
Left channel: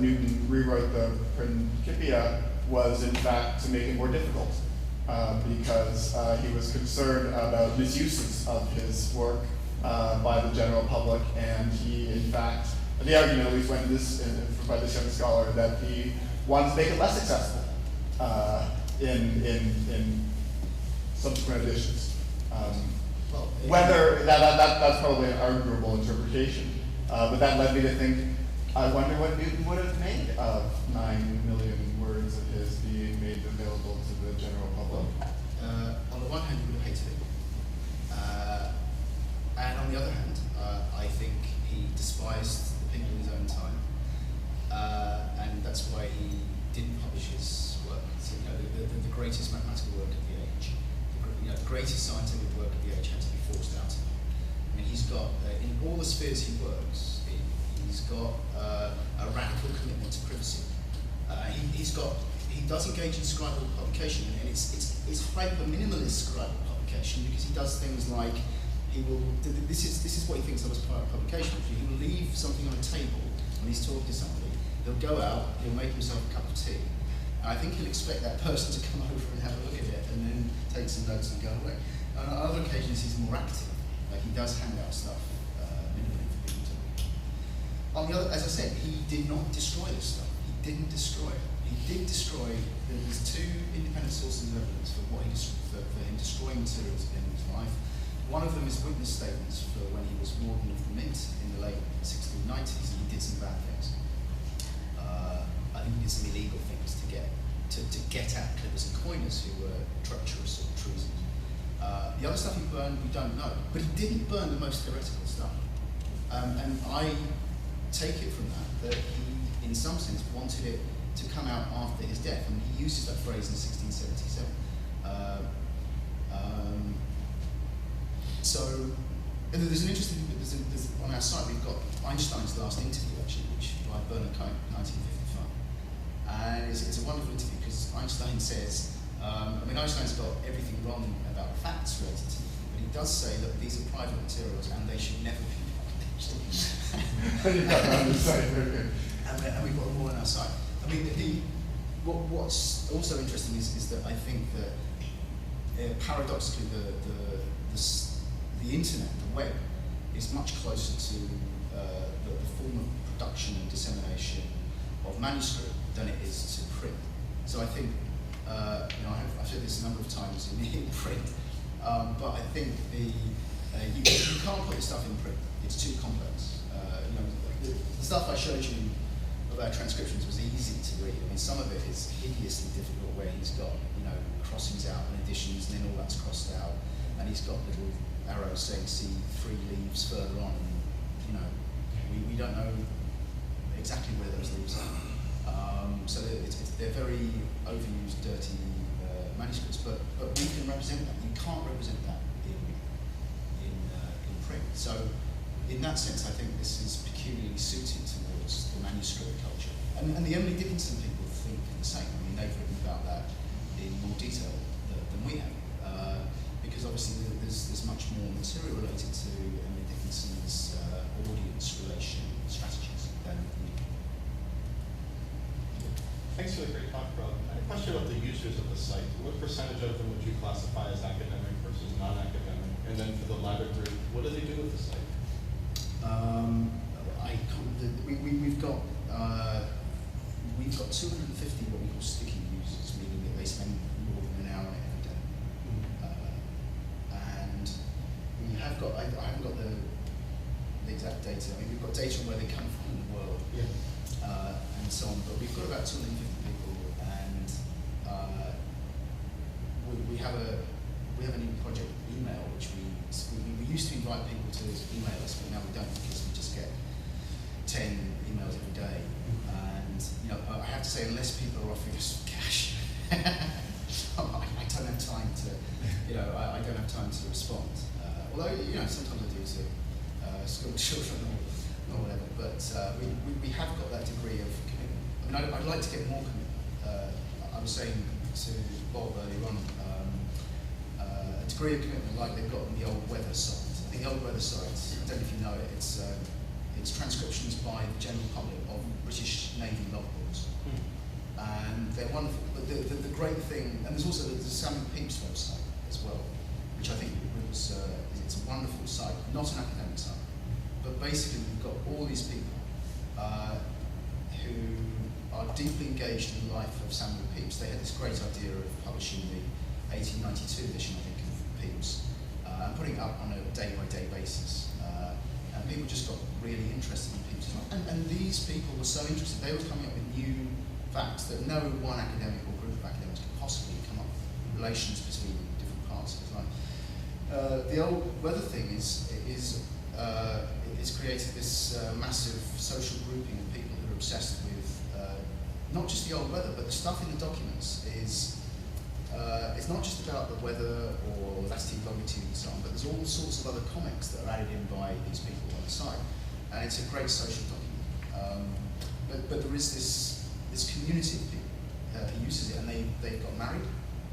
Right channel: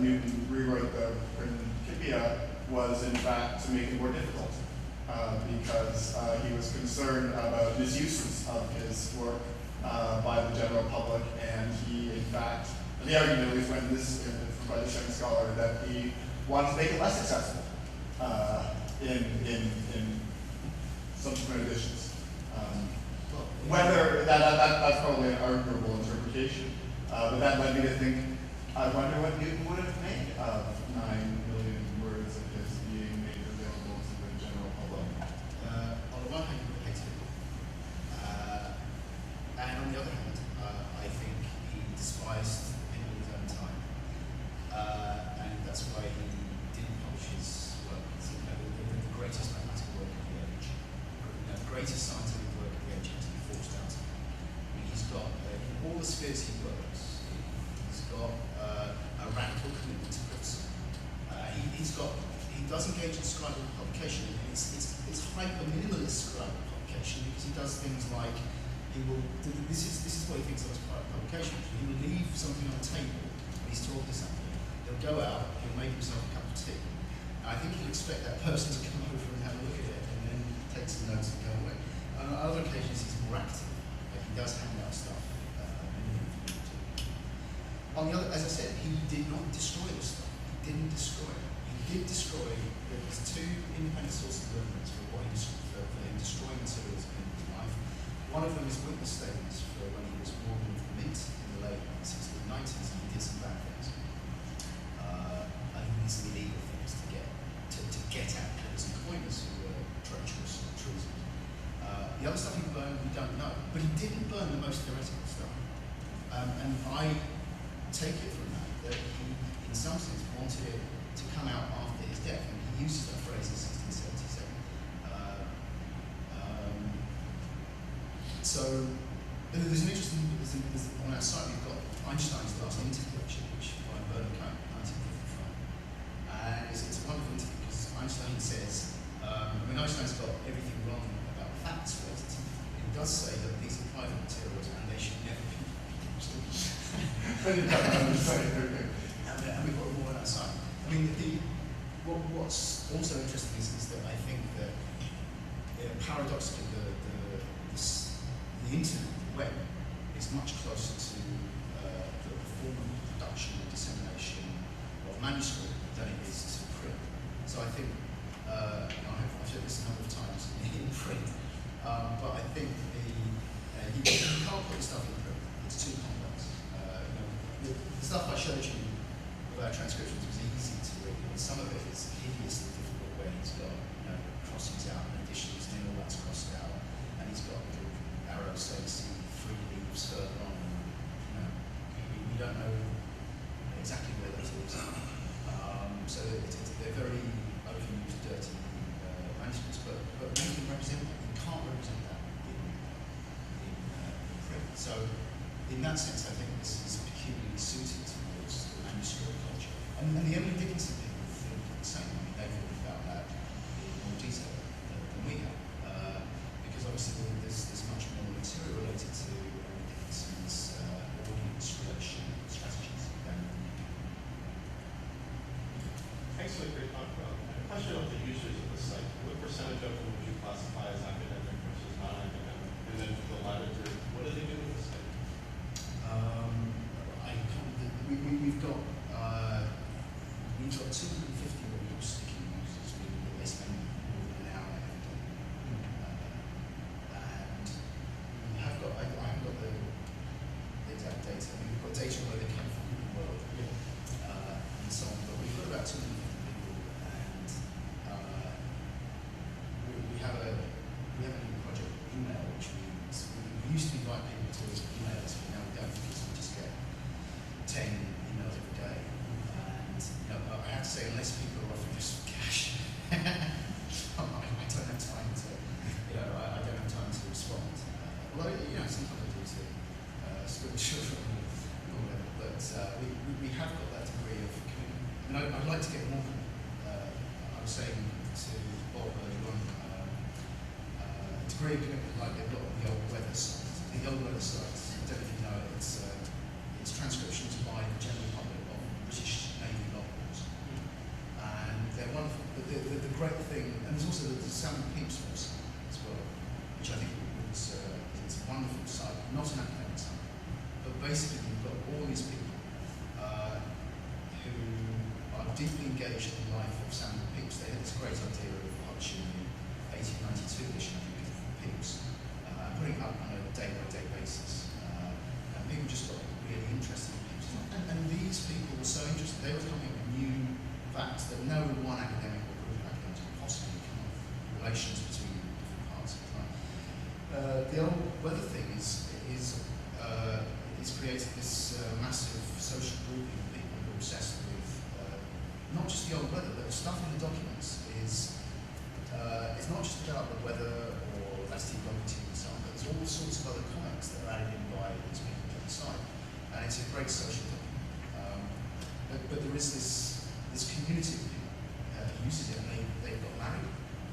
Newton rewrote the Principia was, in fact, to make it more difficult, because he was concerned about misuses of his work by the general public, and he, in fact, the argument at least went by this young scholar that he wanted to make it less accessible in subsequent editions. Whether that's probably an arguable interpretation, but that led me to think, I wonder what Newton would have made of 9 million words of his being made available to the general public. On the one hand, he would have hated it. And on the other hand, I think he despised the people of his own time. And that's why he didn't publish his work. So, the greatest mathematical work of the age, the greatest scientific work of the age had to be forced out of him. I mean, he's got, in all the spheres he works, he's got a radical commitment to privacy. He does engage in scribal publication, and it's hyper-minimalist scribal publication, because he does things like, this is what he thinks of as publication. He will leave something on a table when he's talking to somebody. He'll go out, he'll make himself a cup of tea. I think he'll expect that person to come over and have a look at it and then take some notes and go away. On other occasions, he's more active. Like, he does hand out stuff for people to read. On the other, as I said, he did not destroy this stuff. He didn't destroy it. He did destroy, there's 2 independent sources of evidence for him destroying materials in his life. One of them is witness statements for when he was warden of the Mint in the late 1690s, and he did some bad things. I think he did some illegal things to get don't know. But he didn't burn the most theoretical stuff. And I take it from that he, in some sense, wanted it to come out after his death. And he uses that phrase in 1677. So, and there's an interesting thing, on our site we've got Einstein's last interview, actually, which by Bernard Cohen, 1955. And it's a wonderful interview because Einstein says, Einstein's got everything wrong about the facts related to it, but he does say that these are private materials and they should never be published. And we've got them all on our site. What's also interesting is that I think that paradoxically the internet, the web, is much closer to the form of production and dissemination of manuscript than it is to print. So I think, I've said this a number of times in print, but I think you can't put the stuff in print. It's too complex. The stuff I showed you about transcriptions was easy to read. Some of it is hideously difficult where he's got, crossings out and additions, and then all that's crossed out, and he's got little arrows saying see 3 leaves further on, and we don't know exactly where those leaves are. So they're very overused, dirty manuscripts, but we can represent that. You can't represent that in print. So in that sense, I think this is peculiarly suited towards the manuscript culture. And the Emily Dickinson people think the same. They think about that in more detail than we have. Because obviously there's much more material related to Emily Dickinson's audience relation strategies than we do. Thanks for the great talk, Rob. I had a question about the users of the site. What percentage of them would you classify as academic versus non-academic? And then for the latter group, what do they do with the site? We've got 250 what we call sticky users, meaning that they spend more than an hour every day. And we have got, I haven't got the exact data. We've got data where they come from in the world, and so on. But we've got about 250 people, and we have a new project email, which we used to invite people to email us, but now we don't because we just get 10 emails every day. And I have to say, unless people are offering us cash, I don't have time to, I don't have time to respond. Although sometimes I do to school children or whatever. But we have got that degree of commitment. I'd like to get more commitment. I was saying to Bob earlier on, a degree of commitment like they've got on the old weather site. The old weather site, I don't know if you know it, it's transcriptions by the general public of British Navy logbooks. And they're wonderful. But the great thing, and there's also the Samuel Pepys website as well, which I think it's a wonderful site, not an academic site. But basically you've got all these people who are deeply engaged in the life of Samuel Pepys. They had this great idea of publishing the 1892 edition, I think, of Pepys, and putting it up on a day-by-day basis. And people just got really interested in Pepys. And these people were so interested, they were coming up with new facts that no one academic or group of academics could possibly come up with, relations between different parts of his life. The old weather thing is created this massive social grouping of people who are obsessed with not just the old weather, but the stuff in the documents is it's not just about the weather or latitude, longitude and so on, but there's all sorts of other comics that are added in by these people on the site, and it's a great social document. But there is this community of people who uses it, and they've got married,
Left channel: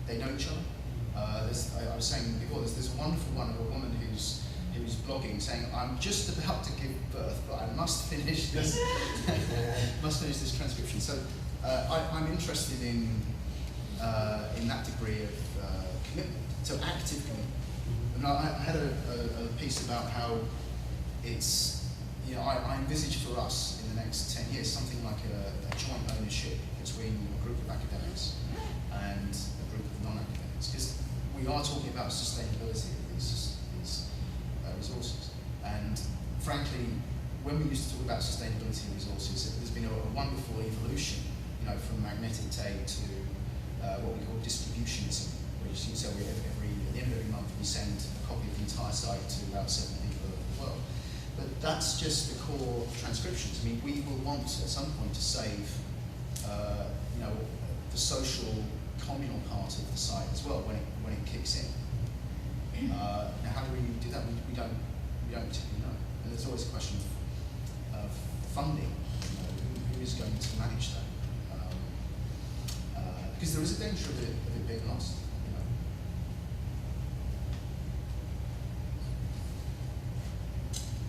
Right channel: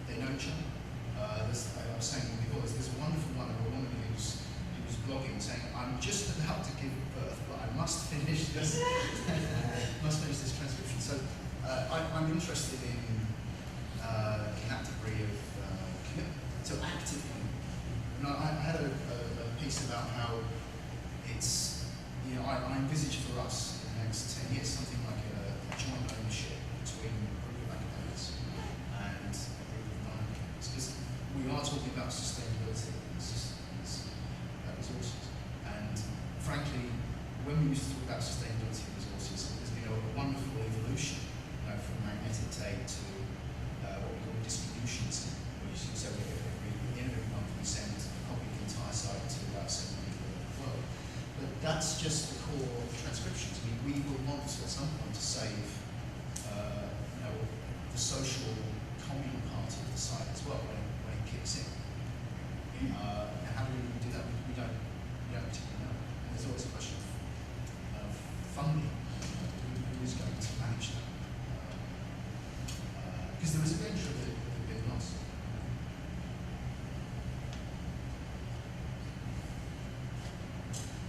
they know each other. I was saying before, there's a wonderful one of a woman who's blogging saying, I'm just about to give birth, but I must finish this transcription. So I'm interested in that degree of commitment, so active commitment. And I had a piece about how it's, I envisage for us in the next 10 years something like a joint ownership between a group of academics and a group of non-academics, because we are talking about sustainability of these resources. And frankly, when we used to talk about sustainability of resources, there's been a wonderful evolution, from magnetic tape to what we call distributions, which you say at the end of every month we send a copy of the entire site to about 7 people around the world. But that's just the core transcriptions. I mean, we will want at some point to save, the social communal part of the site as well when it kicks in. Now, how do we do that? We don't particularly know. And there's always a question of funding. Who is going to manage that? Because there is a danger of it being lost.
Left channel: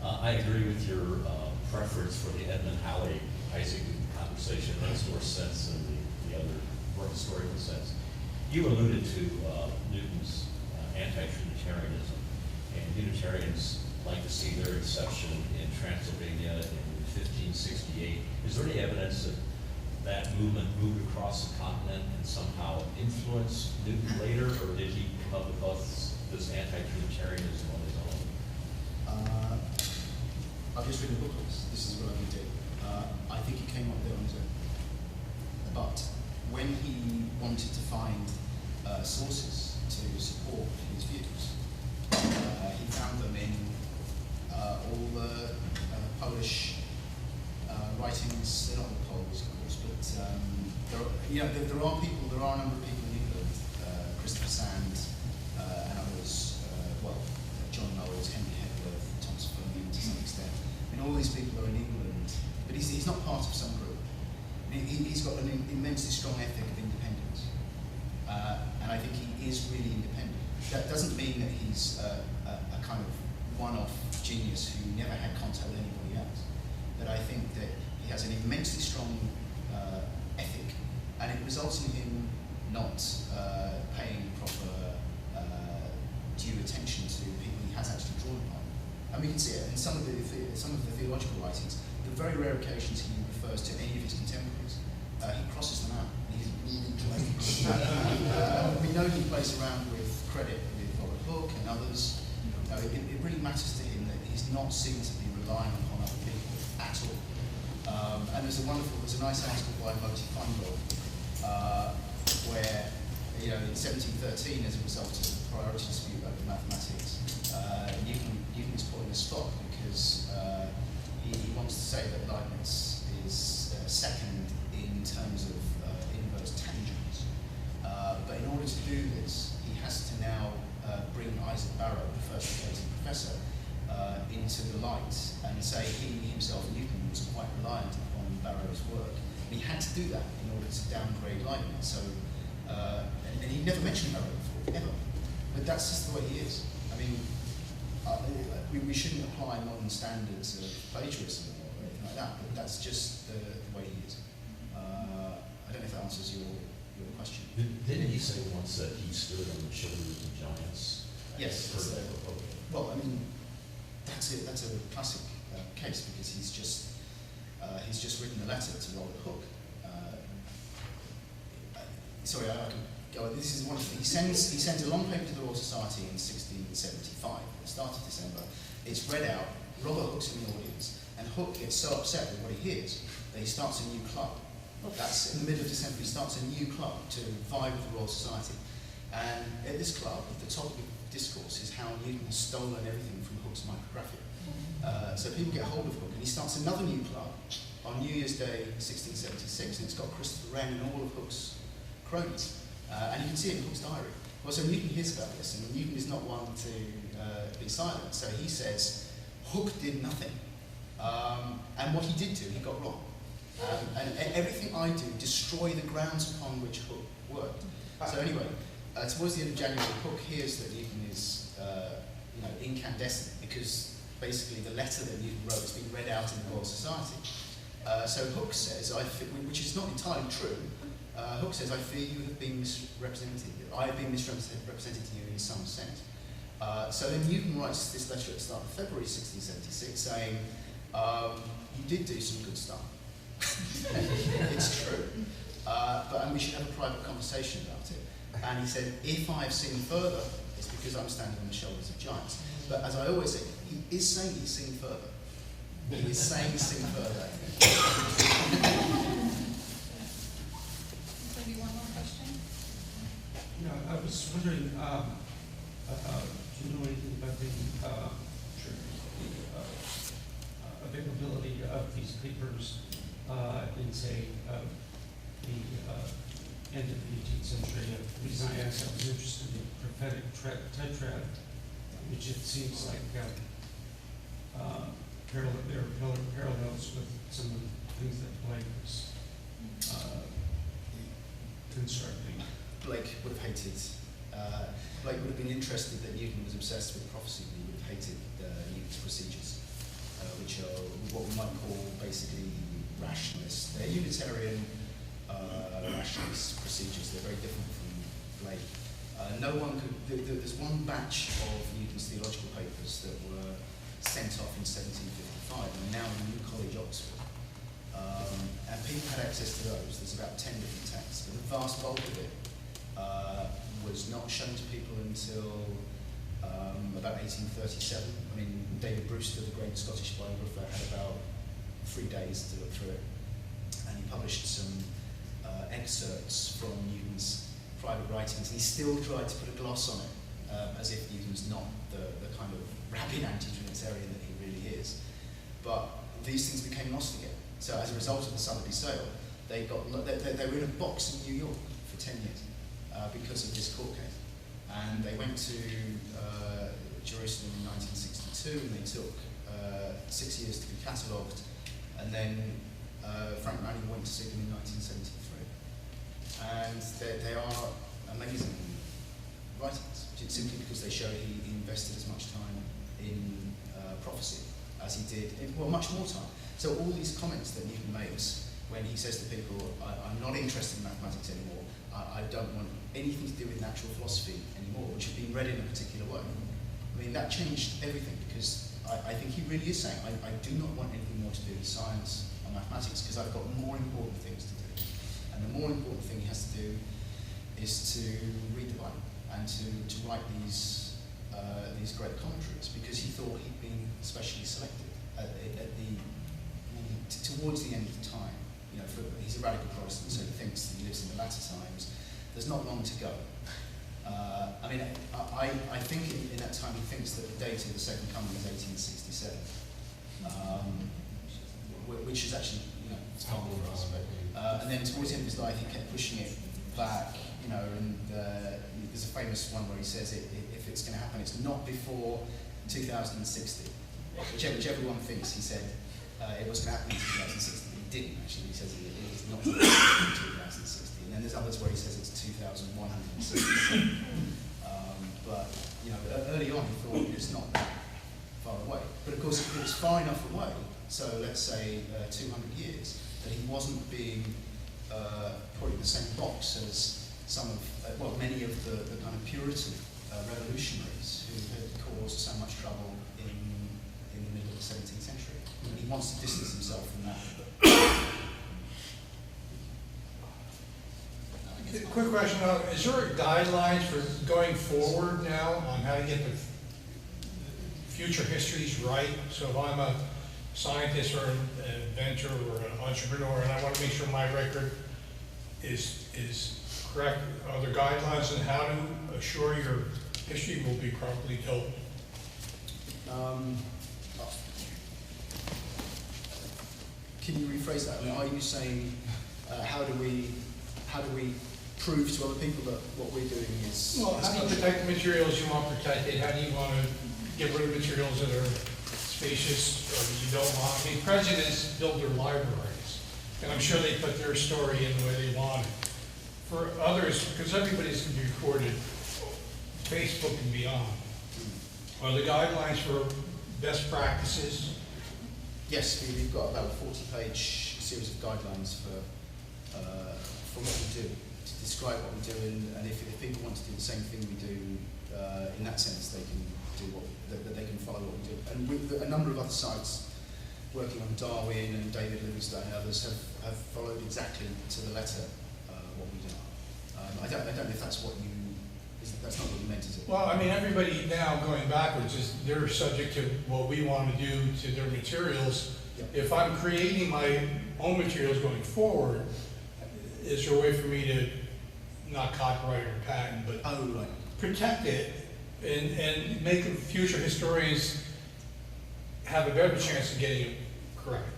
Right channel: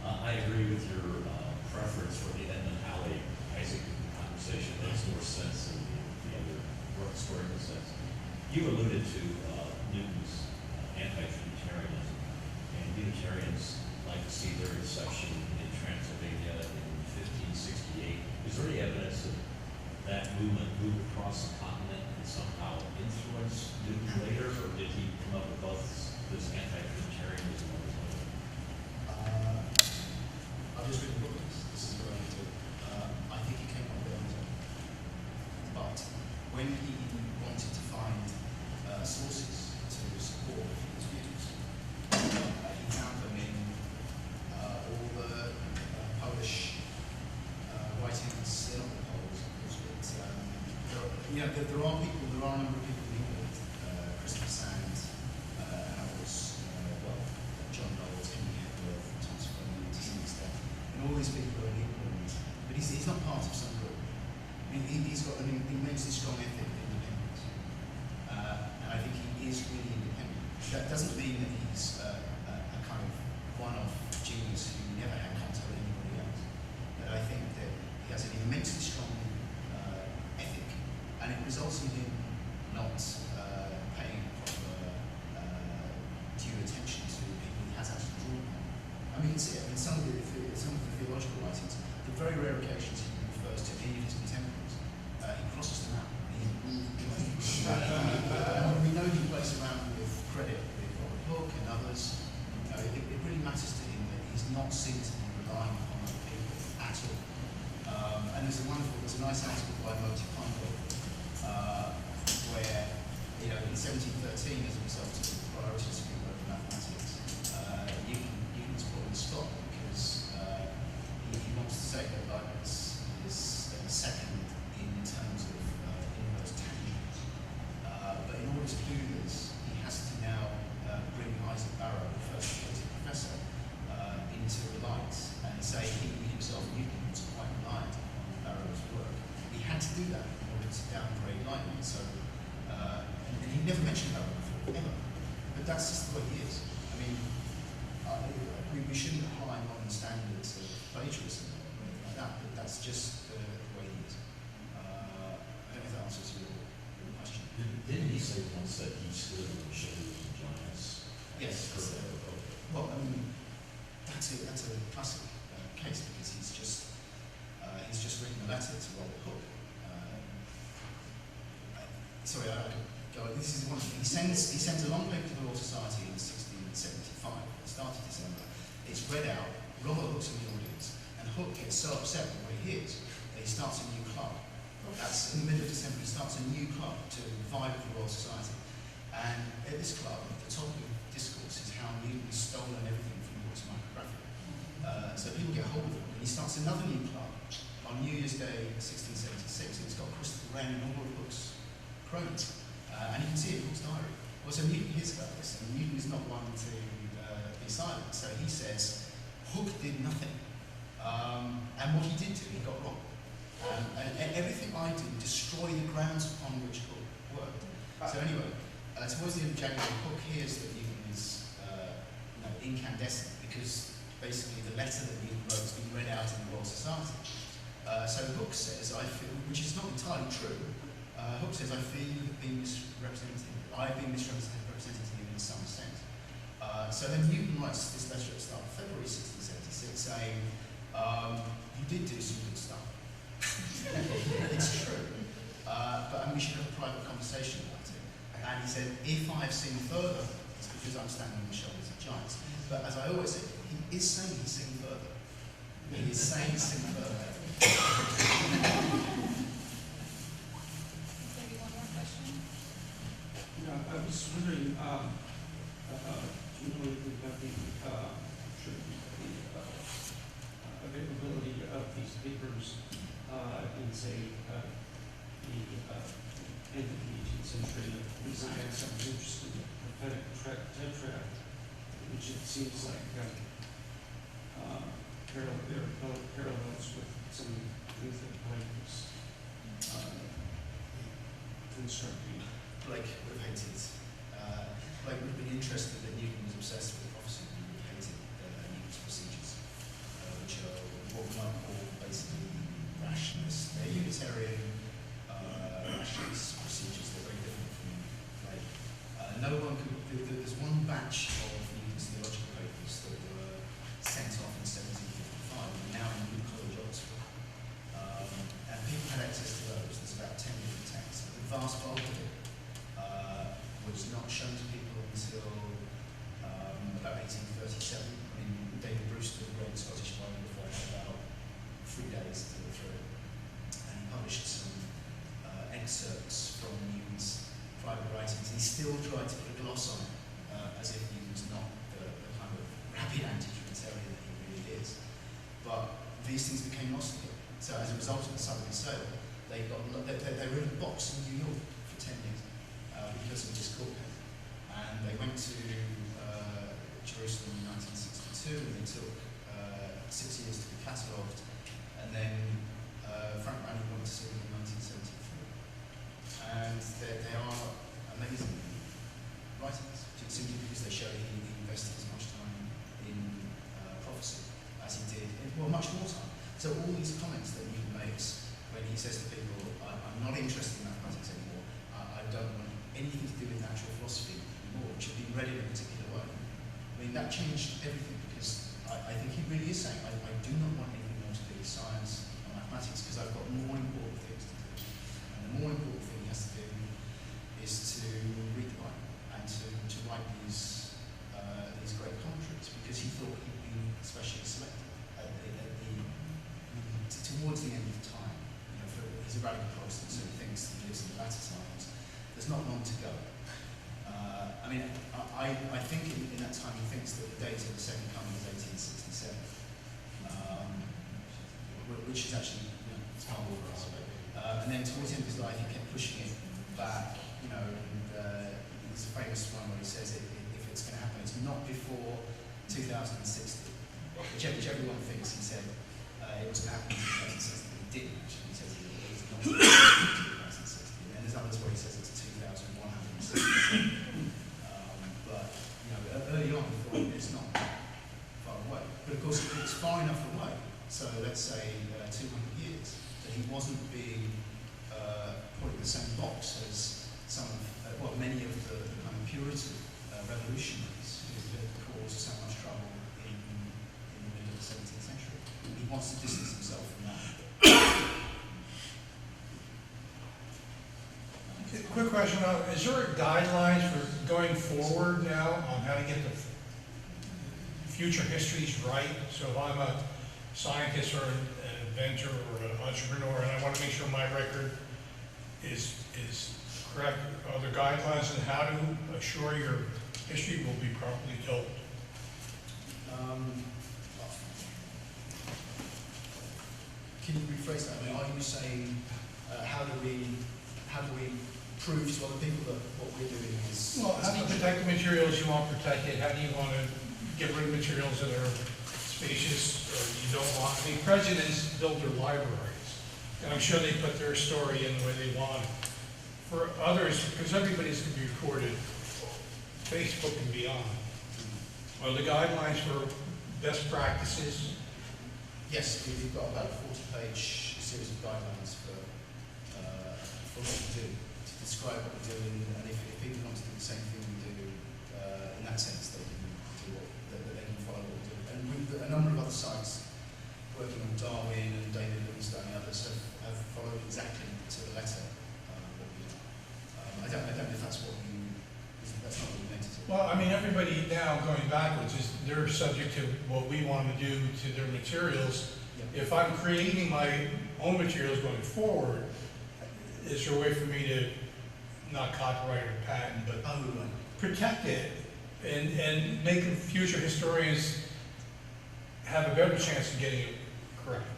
I agree with your preference for the Edmund Halley Isaac conversation. Makes more sense than the other more historical sense. You alluded to Newton's anti-Trinitarianism, and Unitarians like to see their inception in Transylvania in 1568. Is there any evidence that that movement moved across the continent and somehow influenced Newton later, or did he come up with both this anti-Trinitarianism on his own? I've just written a book on this. This is what I do. I think he came up with it on his own. But when he wanted to find sources to support his views, he found them in all the Polish writings. They're not the Poles, of course, but there are a number of people in England, Christopher Sand and others, John Knowles, Henry Hepworth, Thomas Fleming to some extent. And all these people are in England, but he's not part of some group. I mean, he's got an immensely strong ethic of independence, and I think he is really independent. That doesn't mean that he's a kind of one-off genius who never had contact with anybody else, but I think that he has an immensely strong ethic, and it results in him not paying proper due attention to people he has actually drawn upon. I mean, you can see it in some of the theological writings. The very rare occasions he refers to any of his contemporaries, he crosses them out. We know he plays around with credit with Robert Hooke and others. It really matters to him that he's not seen to be relying upon other people at all. And there's a nice article by Moti Fundel where, in 1713, as a result of the priority dispute over mathematics, Newton is put on the spot because he wants to say that Leibniz is second in terms of inverse tangents. But in order to do this, he has to now bring Isaac Barrow, the first later professor, into the light and say he himself, Newton, was quite reliant on Barrow's work. And he had to do that in order to downgrade Leibniz. So, and he never mentioned Barrow before, ever. But that's just the way he is. I mean, we shouldn't apply modern standards of plagiarism or anything like that, but that's just the way he is. I don't know if that answers your question. Didn't he say once that he stood on the shoulders of giants? Yes. Well, I mean, that's a classic case because he's just written a letter to Robert Hooke. Sorry, I could go on. This is one of the, he sends a long paper to the Royal Society in 1675, at the start of December. It's read out, Robert Hooke's in the audience, and Hooke gets so upset with what he hears that he starts a new club. That's in the middle of December, he starts a new club to vie with the Royal Society. And at this club, the topic of discourse is how Newton has stolen everything from Hooke's micrographia. So people get hold of Hooke, and he starts another new club on New Year's Day 1676, and it's got Christopher Wren and all of Hooke's cronies. And you can see it in Hooke's diary. Well, so Newton hears about this, and Newton is not one to be silent. So he says, Hooke did nothing. And what he did do, he got wrong. And everything I do destroy the grounds upon which Hooke worked. So anyway, towards the end of January, Hooke hears that Newton is incandescent because basically the letter that Newton wrote has been read out in the Royal Society. So Hooke says, which is not entirely true, Hooke says, I fear you have been misrepresented. I have been misrepresented to you in some sense. So then Newton writes this letter at the start of February 1676 saying, you did do some good stuff. It's true. And we should have a private conversation about it. And he said, if I have seen further, it's because I'm standing on the shoulders of giants. But as I always say, he is saying he's seen further. He is saying he's seen further. Maybe one more question? I was wondering, say, the end of the 18th century, a designer that was interested in prophetic tetrad, which it seems like there are parallels with some of the things that Blake was constructing. Blake would have hated, Blake would have been interested that Newton was obsessed with prophecy. He would have hated Newton's procedures, which are what we might call basically rationalist. They're Unitarian rationalist procedures. They're very different from Blake. No one could, there's one batch of Newton's theological papers that were sent off in 1755 and are now in New College, Oxford. And people had access to those. There's about 10 different texts, but the vast bulk of it was not shown to people until about 1837. I mean, David Brewster, the great Scottish biographer, had about 3 days to look through it, and he published some excerpts from Newton's private writings, and he still tried to put a gloss on it, as if Newton's not the kind of rabid anti-Trinitarian that he really is. But these things became lost again. So as a result of the Sotheby's sale, they were in a box in New York for 10 years because of this court case. And they went to Jerusalem in 1962, and they took 6 years to be catalogued. And then Frank Ranney went to see them in 1973. And they are amazing writings, simply because they show he invested as much time in prophecy as he did, much more time. So all these comments that Newton makes when he says to people, I'm not interested in mathematics anymore, I don't want anything to do with natural philosophy anymore, which had been read in a particular way. I mean, that changed everything, because I think he really is saying, I do not want anything more to do with science or mathematics, because I've got more important things to do. And the more important thing he has to do is to read the Bible and to write these great commentaries, because he thought he'd been especially selected towards the end of time. You know, he's a radical Protestant, so he thinks that he lives in the latter times. There's not long to go. I mean, I think in that time he thinks that the date of the second coming is 1867, which is actually, you know, it's not for us. And then towards the end of his life, he kept pushing it back, you know, and there's a famous one where he says if it's going to happen, it's not before 2060, which everyone thinks he said it was going to happen in 2060, but he didn't actually. He says it was not before 2060. And then there's others where he says it's 2160. But, you know, early on he thought it's not that far away. But of course, it's far enough away, so let's say 200 years, that he wasn't being put in the same box as some of, many of the kind of Puritan revolutionaries who had caused so much trouble in the middle of the 17th century. And he wants to distance himself from that. Quick question, is there guidelines for going forward now on how to get the future histories right? So if I'm a scientist or an inventor or an entrepreneur and I want to make sure my record is correct, are there guidelines on how to assure your history will be properly told? Can you rephrase that? I mean, are you saying how do we prove to other people that what we're doing is? Well, how do you protect the materials you want protected? How do you want to get rid of materials that are spacious or you don't want? I mean, presidents build their libraries, and I'm sure they put their story in the way they want it. For others, because everybody's going to be recorded, Facebook and beyond, are the guidelines for best practices? Yes, we've got about a 40-page series of guidelines for what we do, to describe what we do, and if people want to do the same thing we do, in that sense, they can do they can follow what we do. And with a number of other sites working on Darwin and David Livingstone and others have followed exactly to the letter what we do. I don't know if that's what that's not what you meant, is it? Well, I mean, everybody now going backwards they're subject to what we want to do to their materials. Yeah. If I'm creating my own materials going forward, is there a way for me to not copyright or patent, but protect it and make future historians have a better chance of getting it correct?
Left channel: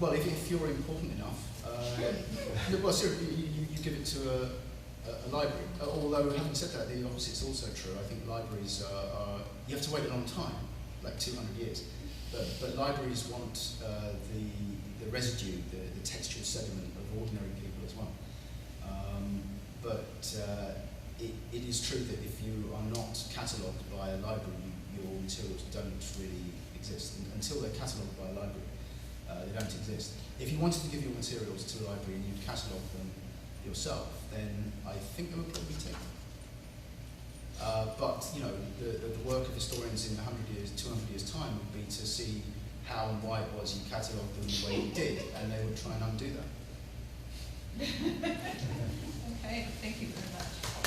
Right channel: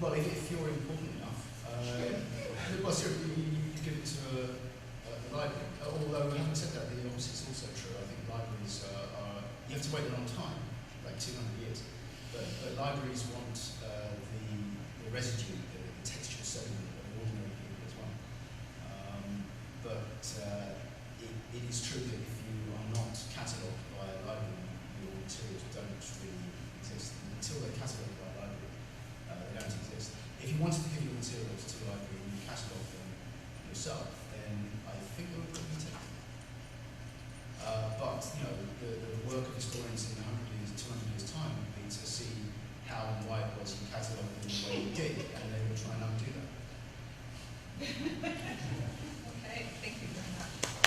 Well, if you're important enough, well, seriously, you give it to a library. Although, having said that, the opposite's also true. I think libraries are you have to wait a long time, like 200 years. But libraries want the residue, the textual sediment of ordinary people as well. It is true that if you are not catalogued by a library, your materials don't really exist. And until they're catalogued by a library, they don't exist. If you wanted to give your materials to the library and you catalogue them yourself, then I think they would probably take them. But you know, the work of historians in 100 years, 200 years time would be to see how and why it was you catalogued them the way you did, and they would try and undo that. Okay, thank you very much.